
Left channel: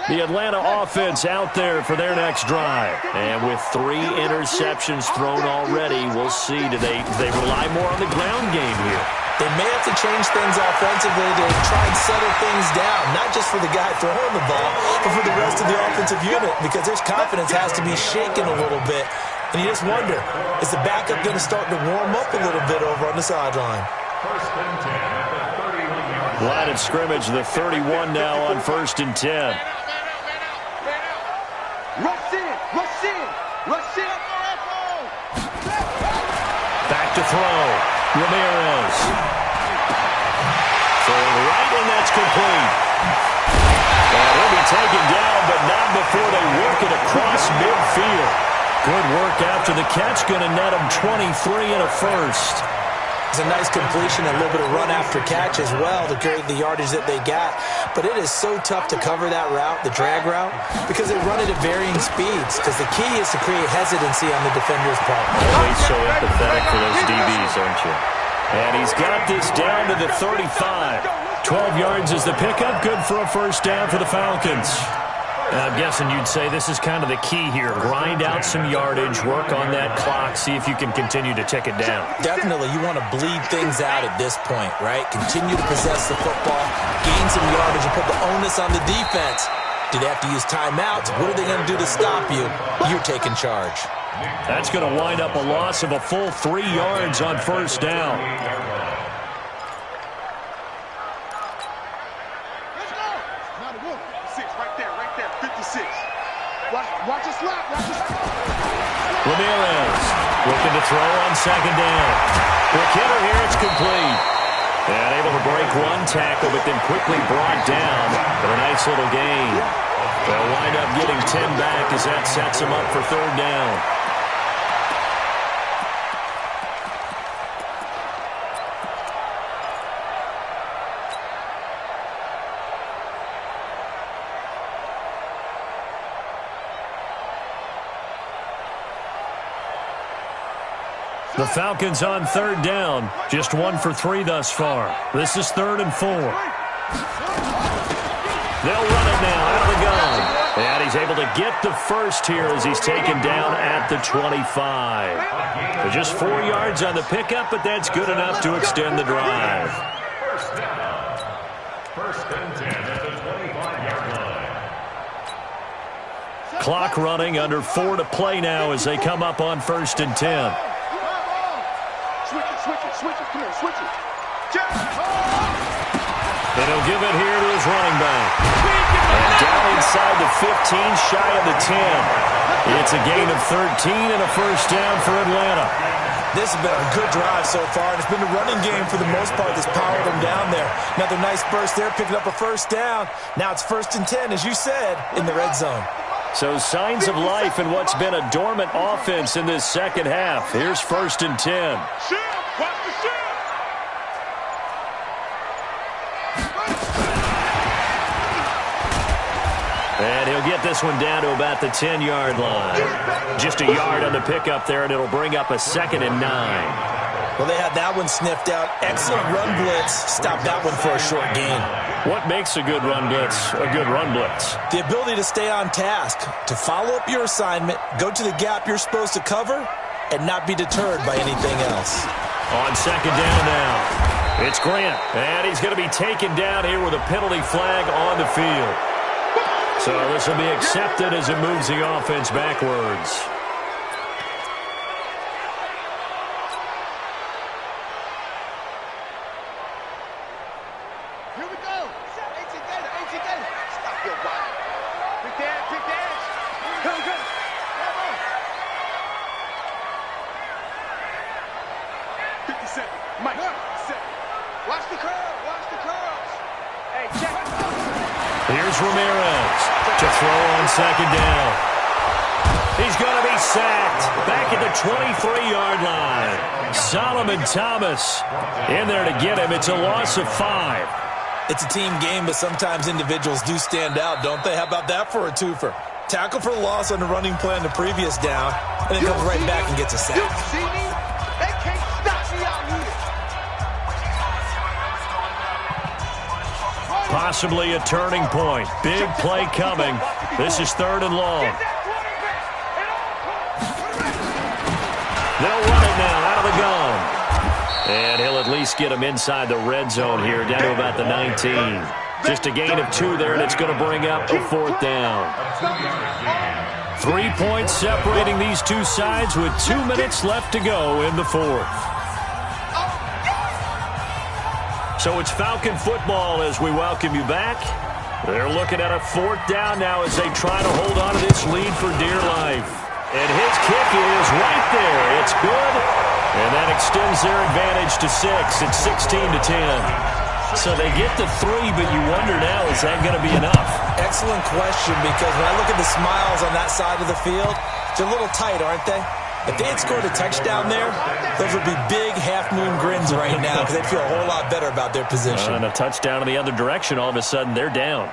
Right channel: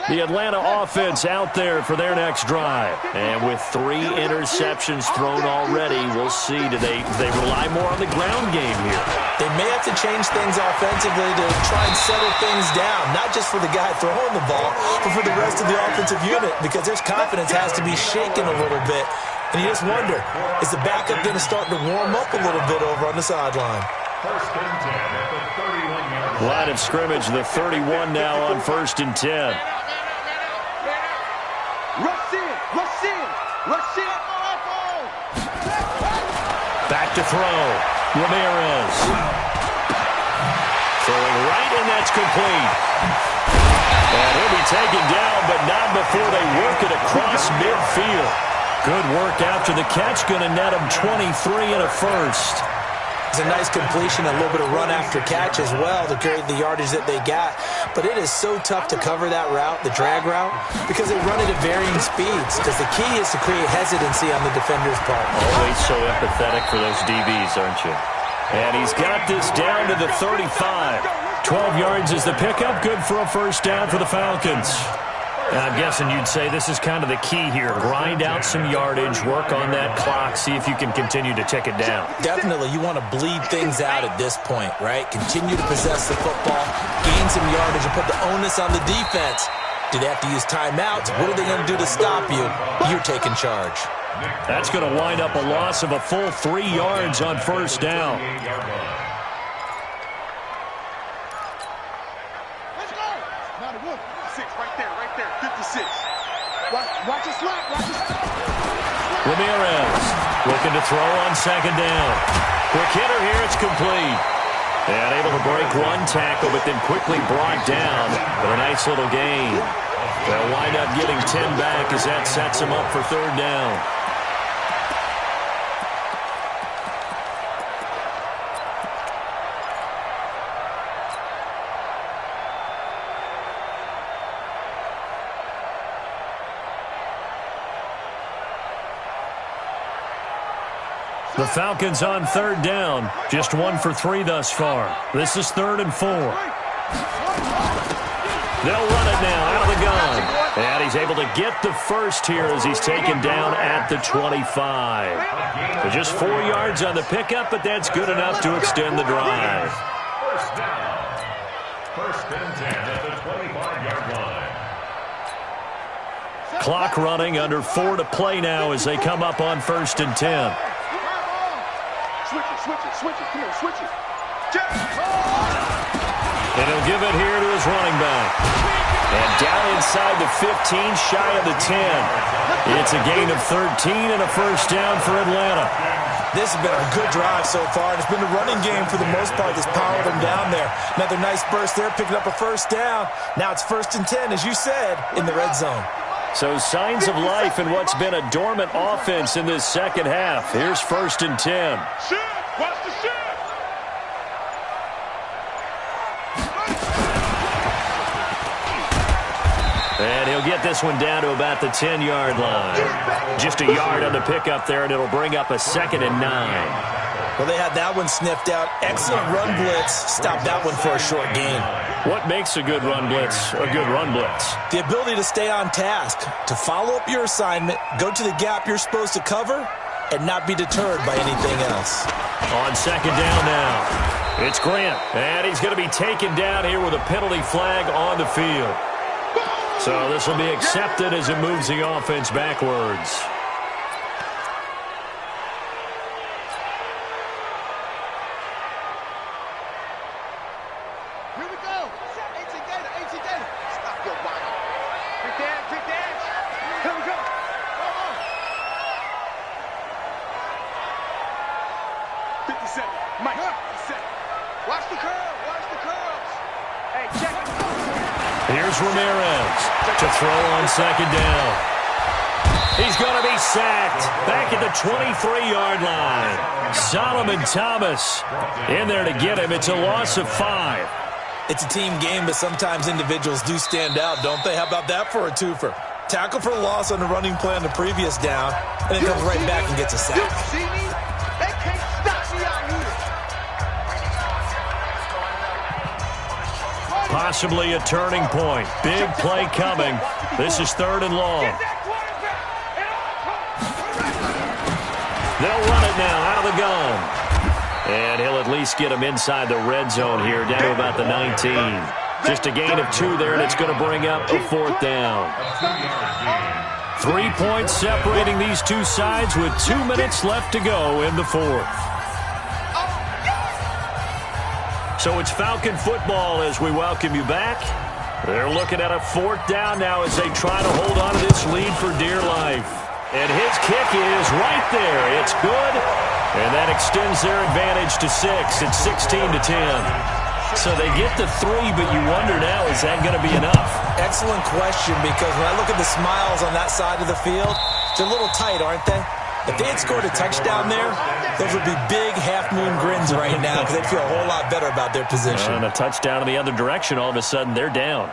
The Atlanta offense out there for their next drive. And with 3 interceptions thrown already, we'll see. Do they rely more on the ground game here? They may have to change things offensively to try and settle things down, not just for the guy throwing the ball, but for the rest of the offensive unit, because their confidence has to be shaken a little bit. And you just wonder, is the backup going to start to warm up a little bit over on the sideline? 1st and 10 at the 31-yard line. Line of scrimmage, the 31 now on 1st and 10. Rush in, rush in, rush in. Back to throw. Ramirez. Throwing right, and that's complete. And he'll be taken down, but not before they work it across midfield. Good work after the catch. Going to net him 23 and a first. It's a nice completion, a little bit of run after catch as well to create the yardage that they got. But it is so tough to cover that route, the drag route, because they run it at varying speeds. Because the key is to create hesitancy on the defender's part. Always so empathetic for those DBs, aren't you? And he's got this down to the 35. 12 yards is the pickup. Good for a first down for the Falcons. And I'm guessing you'd say this is kind of the key here. Grind out some yardage, work on that clock, see if you can continue to tick it down. Definitely, you want to bleed things out at this point, right? Continue to possess the football, gain some yardage, and put the onus on the defense. Do they have to use timeouts? What are they going to do to stop you? You're taking charge. That's going to wind up a loss of a full 3 yards on first down. Let's go. Now the wolf. 56, right there, 56. Watch the slap, watch the slap. Ramirez looking to throw on 2nd down. Quick hitter here, it's complete. And able to break one tackle, but then quickly brought down. But a nice little gain. They'll wind up getting 10 back as that sets them up for 3rd down. The Falcons on 3rd down. Just 1 for 3 thus far. This is 3rd and 4. They'll run it now out of the gun. And he's able to get the first here as he's taken down at the 25. So just 4 yards on the pickup, but that's good enough to extend the drive. First down. 1st and 10 at the 25-yard line. Clock running, under 4 to play now as they come up on 1st and 10. Switch it, come on, switch it. And he'll give it here to his running back. And down inside the 15, shy of the 10. It's a gain of 13 and a first down for Atlanta. This has been a good drive so far, and it's been the running game for the most part that's powered them down there. Another nice burst there, picking up a first down. Now it's 1st and 10, as you said, in the red zone. So signs of life in what's been a dormant offense in this second half. Here's 1st and 10. Watch the shift. And he'll get this one down to about the 10-yard line. Just a yard on the pickup there, and it'll bring up a 2nd and 9. Well, they had that one sniffed out. Excellent run blitz. Stopped that one for a short gain. What makes a good run blitz a good run blitz? The ability to stay on task, to follow up your assignment, go to the gap you're supposed to cover, and not be deterred by anything else. On second down now, it's Grant, and he's going to be taken down here with a penalty flag on the field. So this will be accepted as it moves the offense backwards. Here we go. 18 Gator, 18 Gator. Stop your whining. Big dance, big dance. Come, come. Come on. 57. Mike, 57. Watch the curl, watch the curls. Hey, check. Here's Ramirez to throw on second down. He's going to be sacked back at the 23-yard line. Solomon Thomas in there to get him. It's a loss of 5. It's a team game, but sometimes individuals do stand out, don't they? How about that for a twofer? Tackle for loss on the running play on the previous down, and then comes right back and gets a sack. You see me? They can't stop me out here. Possibly a turning point. Big play coming. This is 3rd and long. They'll run it now out of the gun. And he'll at least get him inside the red zone here, down to about the 19. Just a gain of 2 there, and it's going to bring up a 4th down. 3 points separating these two sides with 2 minutes left to go in the 4th. So it's Falcon football as we welcome you back. They're looking at a 4th down now as they try to hold on to this lead for dear life. And his kick is right there. It's good. And that extends their advantage to 6. It's 16-10. So they get to 3, but you wonder now, is that going to be enough? Excellent question, because when I look at the smiles on that side of the field, they're a little tight, aren't they? If they had scored a touchdown there, those would be big half-moon grins right now because they'd feel a whole lot better about their position. And a touchdown in the other direction, all of a sudden they're down.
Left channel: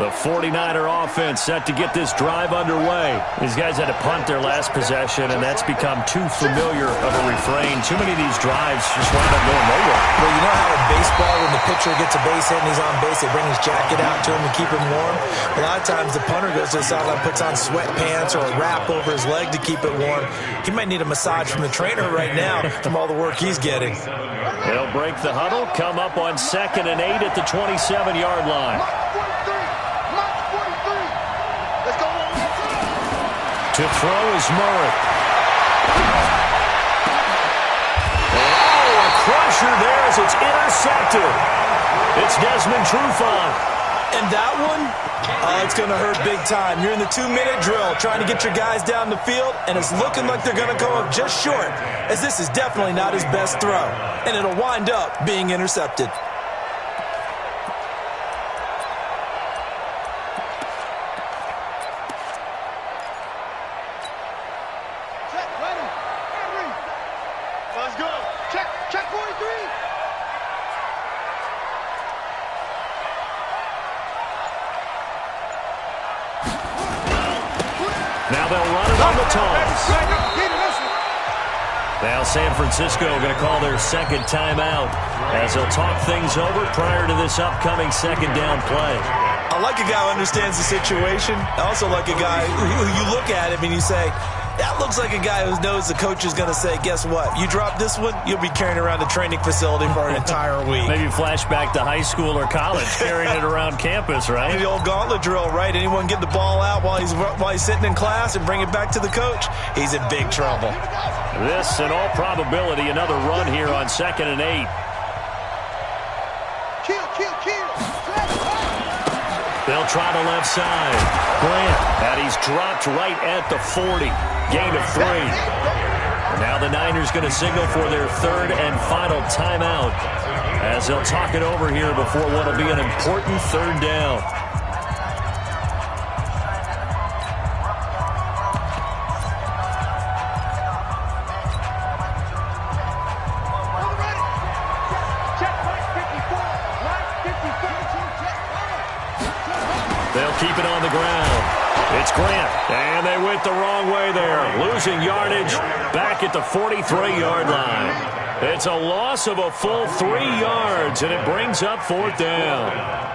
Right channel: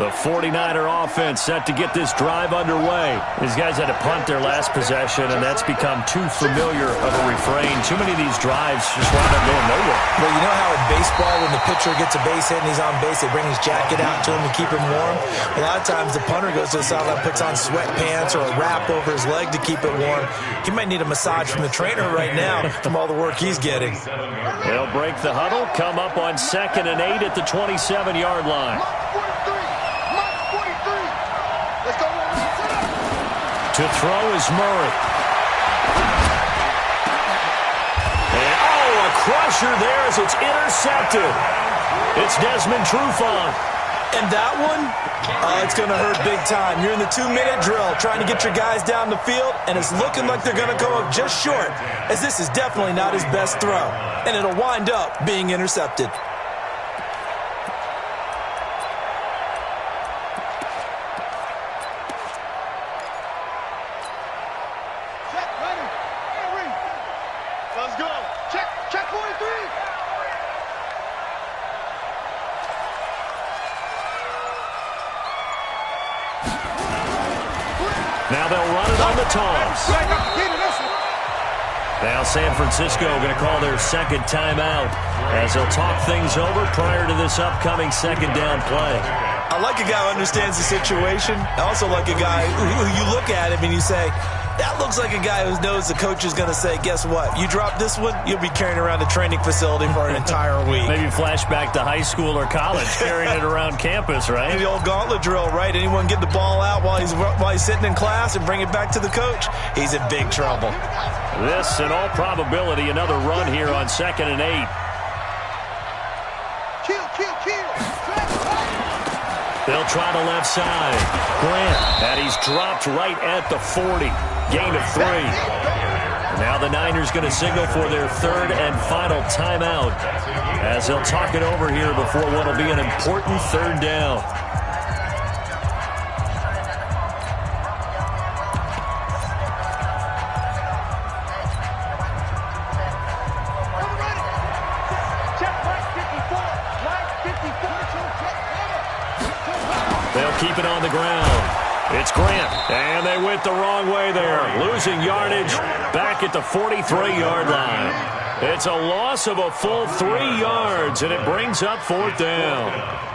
The 49er offense set to get this drive underway. These guys had to punt their last possession, and that's become too familiar of a refrain. Too many of these drives just wind up going nowhere. Well, you know how in baseball, when the pitcher gets a base hit and he's on base, they bring his jacket out to him to keep him warm? A lot of times the punter goes to the sideline, puts on sweatpants or a wrap over his leg to keep it warm. He might need a massage from the trainer right now from all the work he's getting. They'll break the huddle, come up on 2nd and 8 at the 27-yard line. To throw is Murray. And, a crusher there as it's intercepted. It's Desmond Trufant. And that one, it's going to hurt big time. You're in the 2-minute drill trying to get your guys down the field, and it's looking like they're going to come up just short, as this is definitely not his best throw. And it'll wind up being intercepted. Let's go. Check 43. Now they'll run it on the toss. Now San Francisco going to call their 2nd timeout as they'll talk things over prior to this upcoming 2nd down play. I like a guy who understands the situation. I also like a guy who you look at him and you say, that looks like a guy who knows the coach is going to say, guess what? You drop this one, you'll be carrying around a training facility for an entire week. Maybe flashback to high school or college, carrying it around campus, right? The old gauntlet drill, right? Anyone get the ball out while he's sitting in class and bring it back to the coach, he's in big trouble. This, in all probability, another run here on 2nd and 8. Kill. They'll try to left side. Grant, and he's dropped right at the 40. Gain of 3. And now the Niners going to signal for their 3rd and final timeout as they'll talk it over here before what will be an important 3rd down. They'll keep it on the ground. It's Grant, and they went the wrong way there, losing yardage back at the 43-yard line. It's a loss of a full 3 yards, and it brings up 4th down.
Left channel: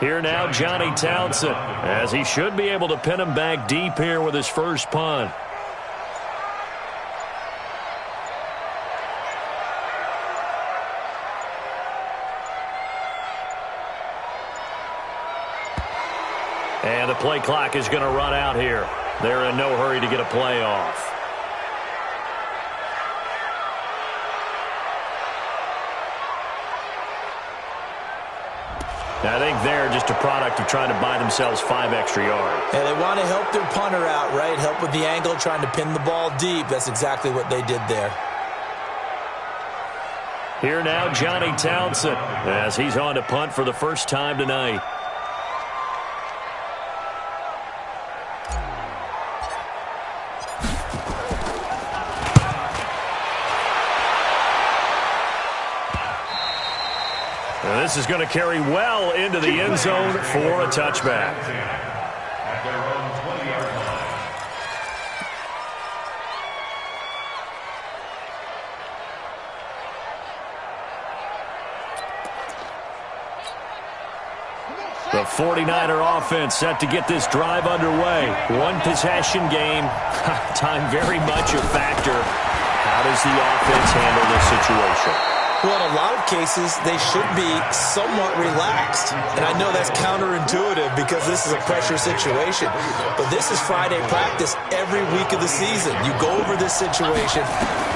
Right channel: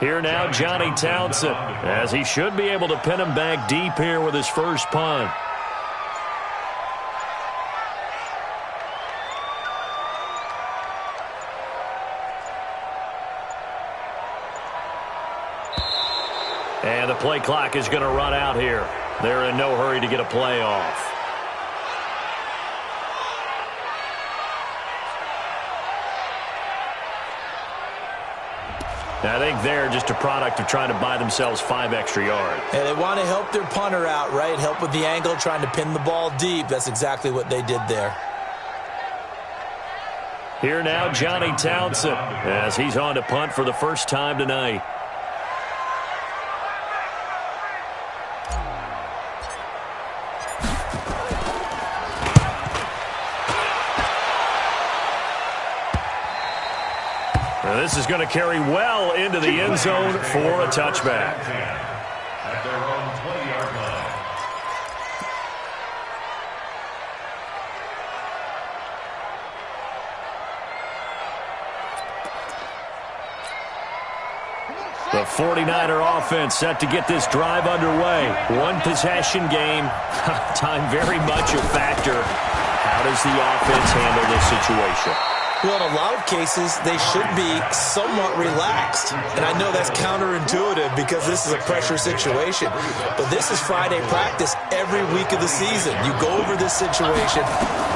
Here now, Johnny Townsend, as he should be able to pin him back deep here with his first punt. And the play clock is going to run out here. They're in no hurry to get a play off. I think they're just a product of trying to buy themselves 5 extra yards. And they want to help their punter out, right? Help with the angle, trying to pin the ball deep. That's exactly what they did there. Here now, Johnny Townsend, as he's on to punt for the first time tonight. This is going to carry well into the end zone for a touchback. At their own 20-yard line. The 49er offense set to get this drive underway. One possession game. Time very much a factor. How does the offense handle this situation? Well, in a lot of cases, they should be somewhat relaxed. And I know that's counterintuitive because this is a pressure situation. But this is Friday practice every week of the season. You go over this situation,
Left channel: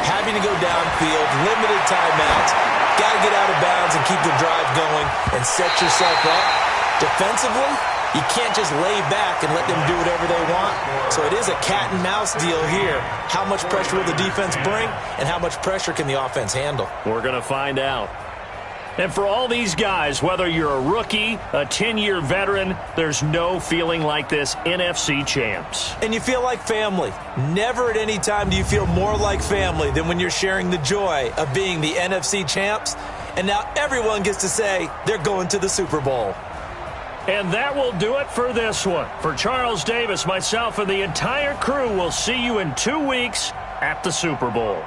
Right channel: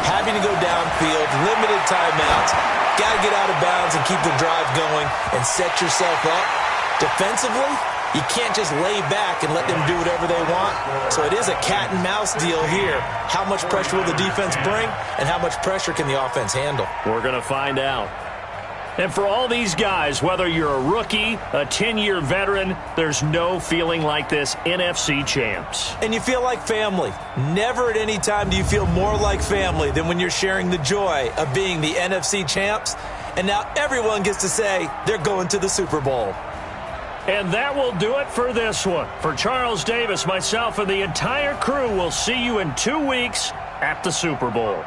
having to go downfield, limited timeouts, got to get out of bounds and keep the drive going and set yourself up. Defensively, you can't just lay back and let them do whatever they want. So it is a cat and mouse deal here. How much pressure will the defense bring, and how much pressure can the offense handle? We're going to find out. And for all these guys, whether you're a rookie, a 10-year veteran, there's no feeling like this NFC champs. And you feel like family. Never at any time do you feel more like family than when you're sharing the joy of being the NFC champs. And now everyone gets to say they're going to the Super Bowl. And that will do it for this one. For Charles Davis, myself, and the entire crew, we'll see you in 2 weeks at the Super Bowl.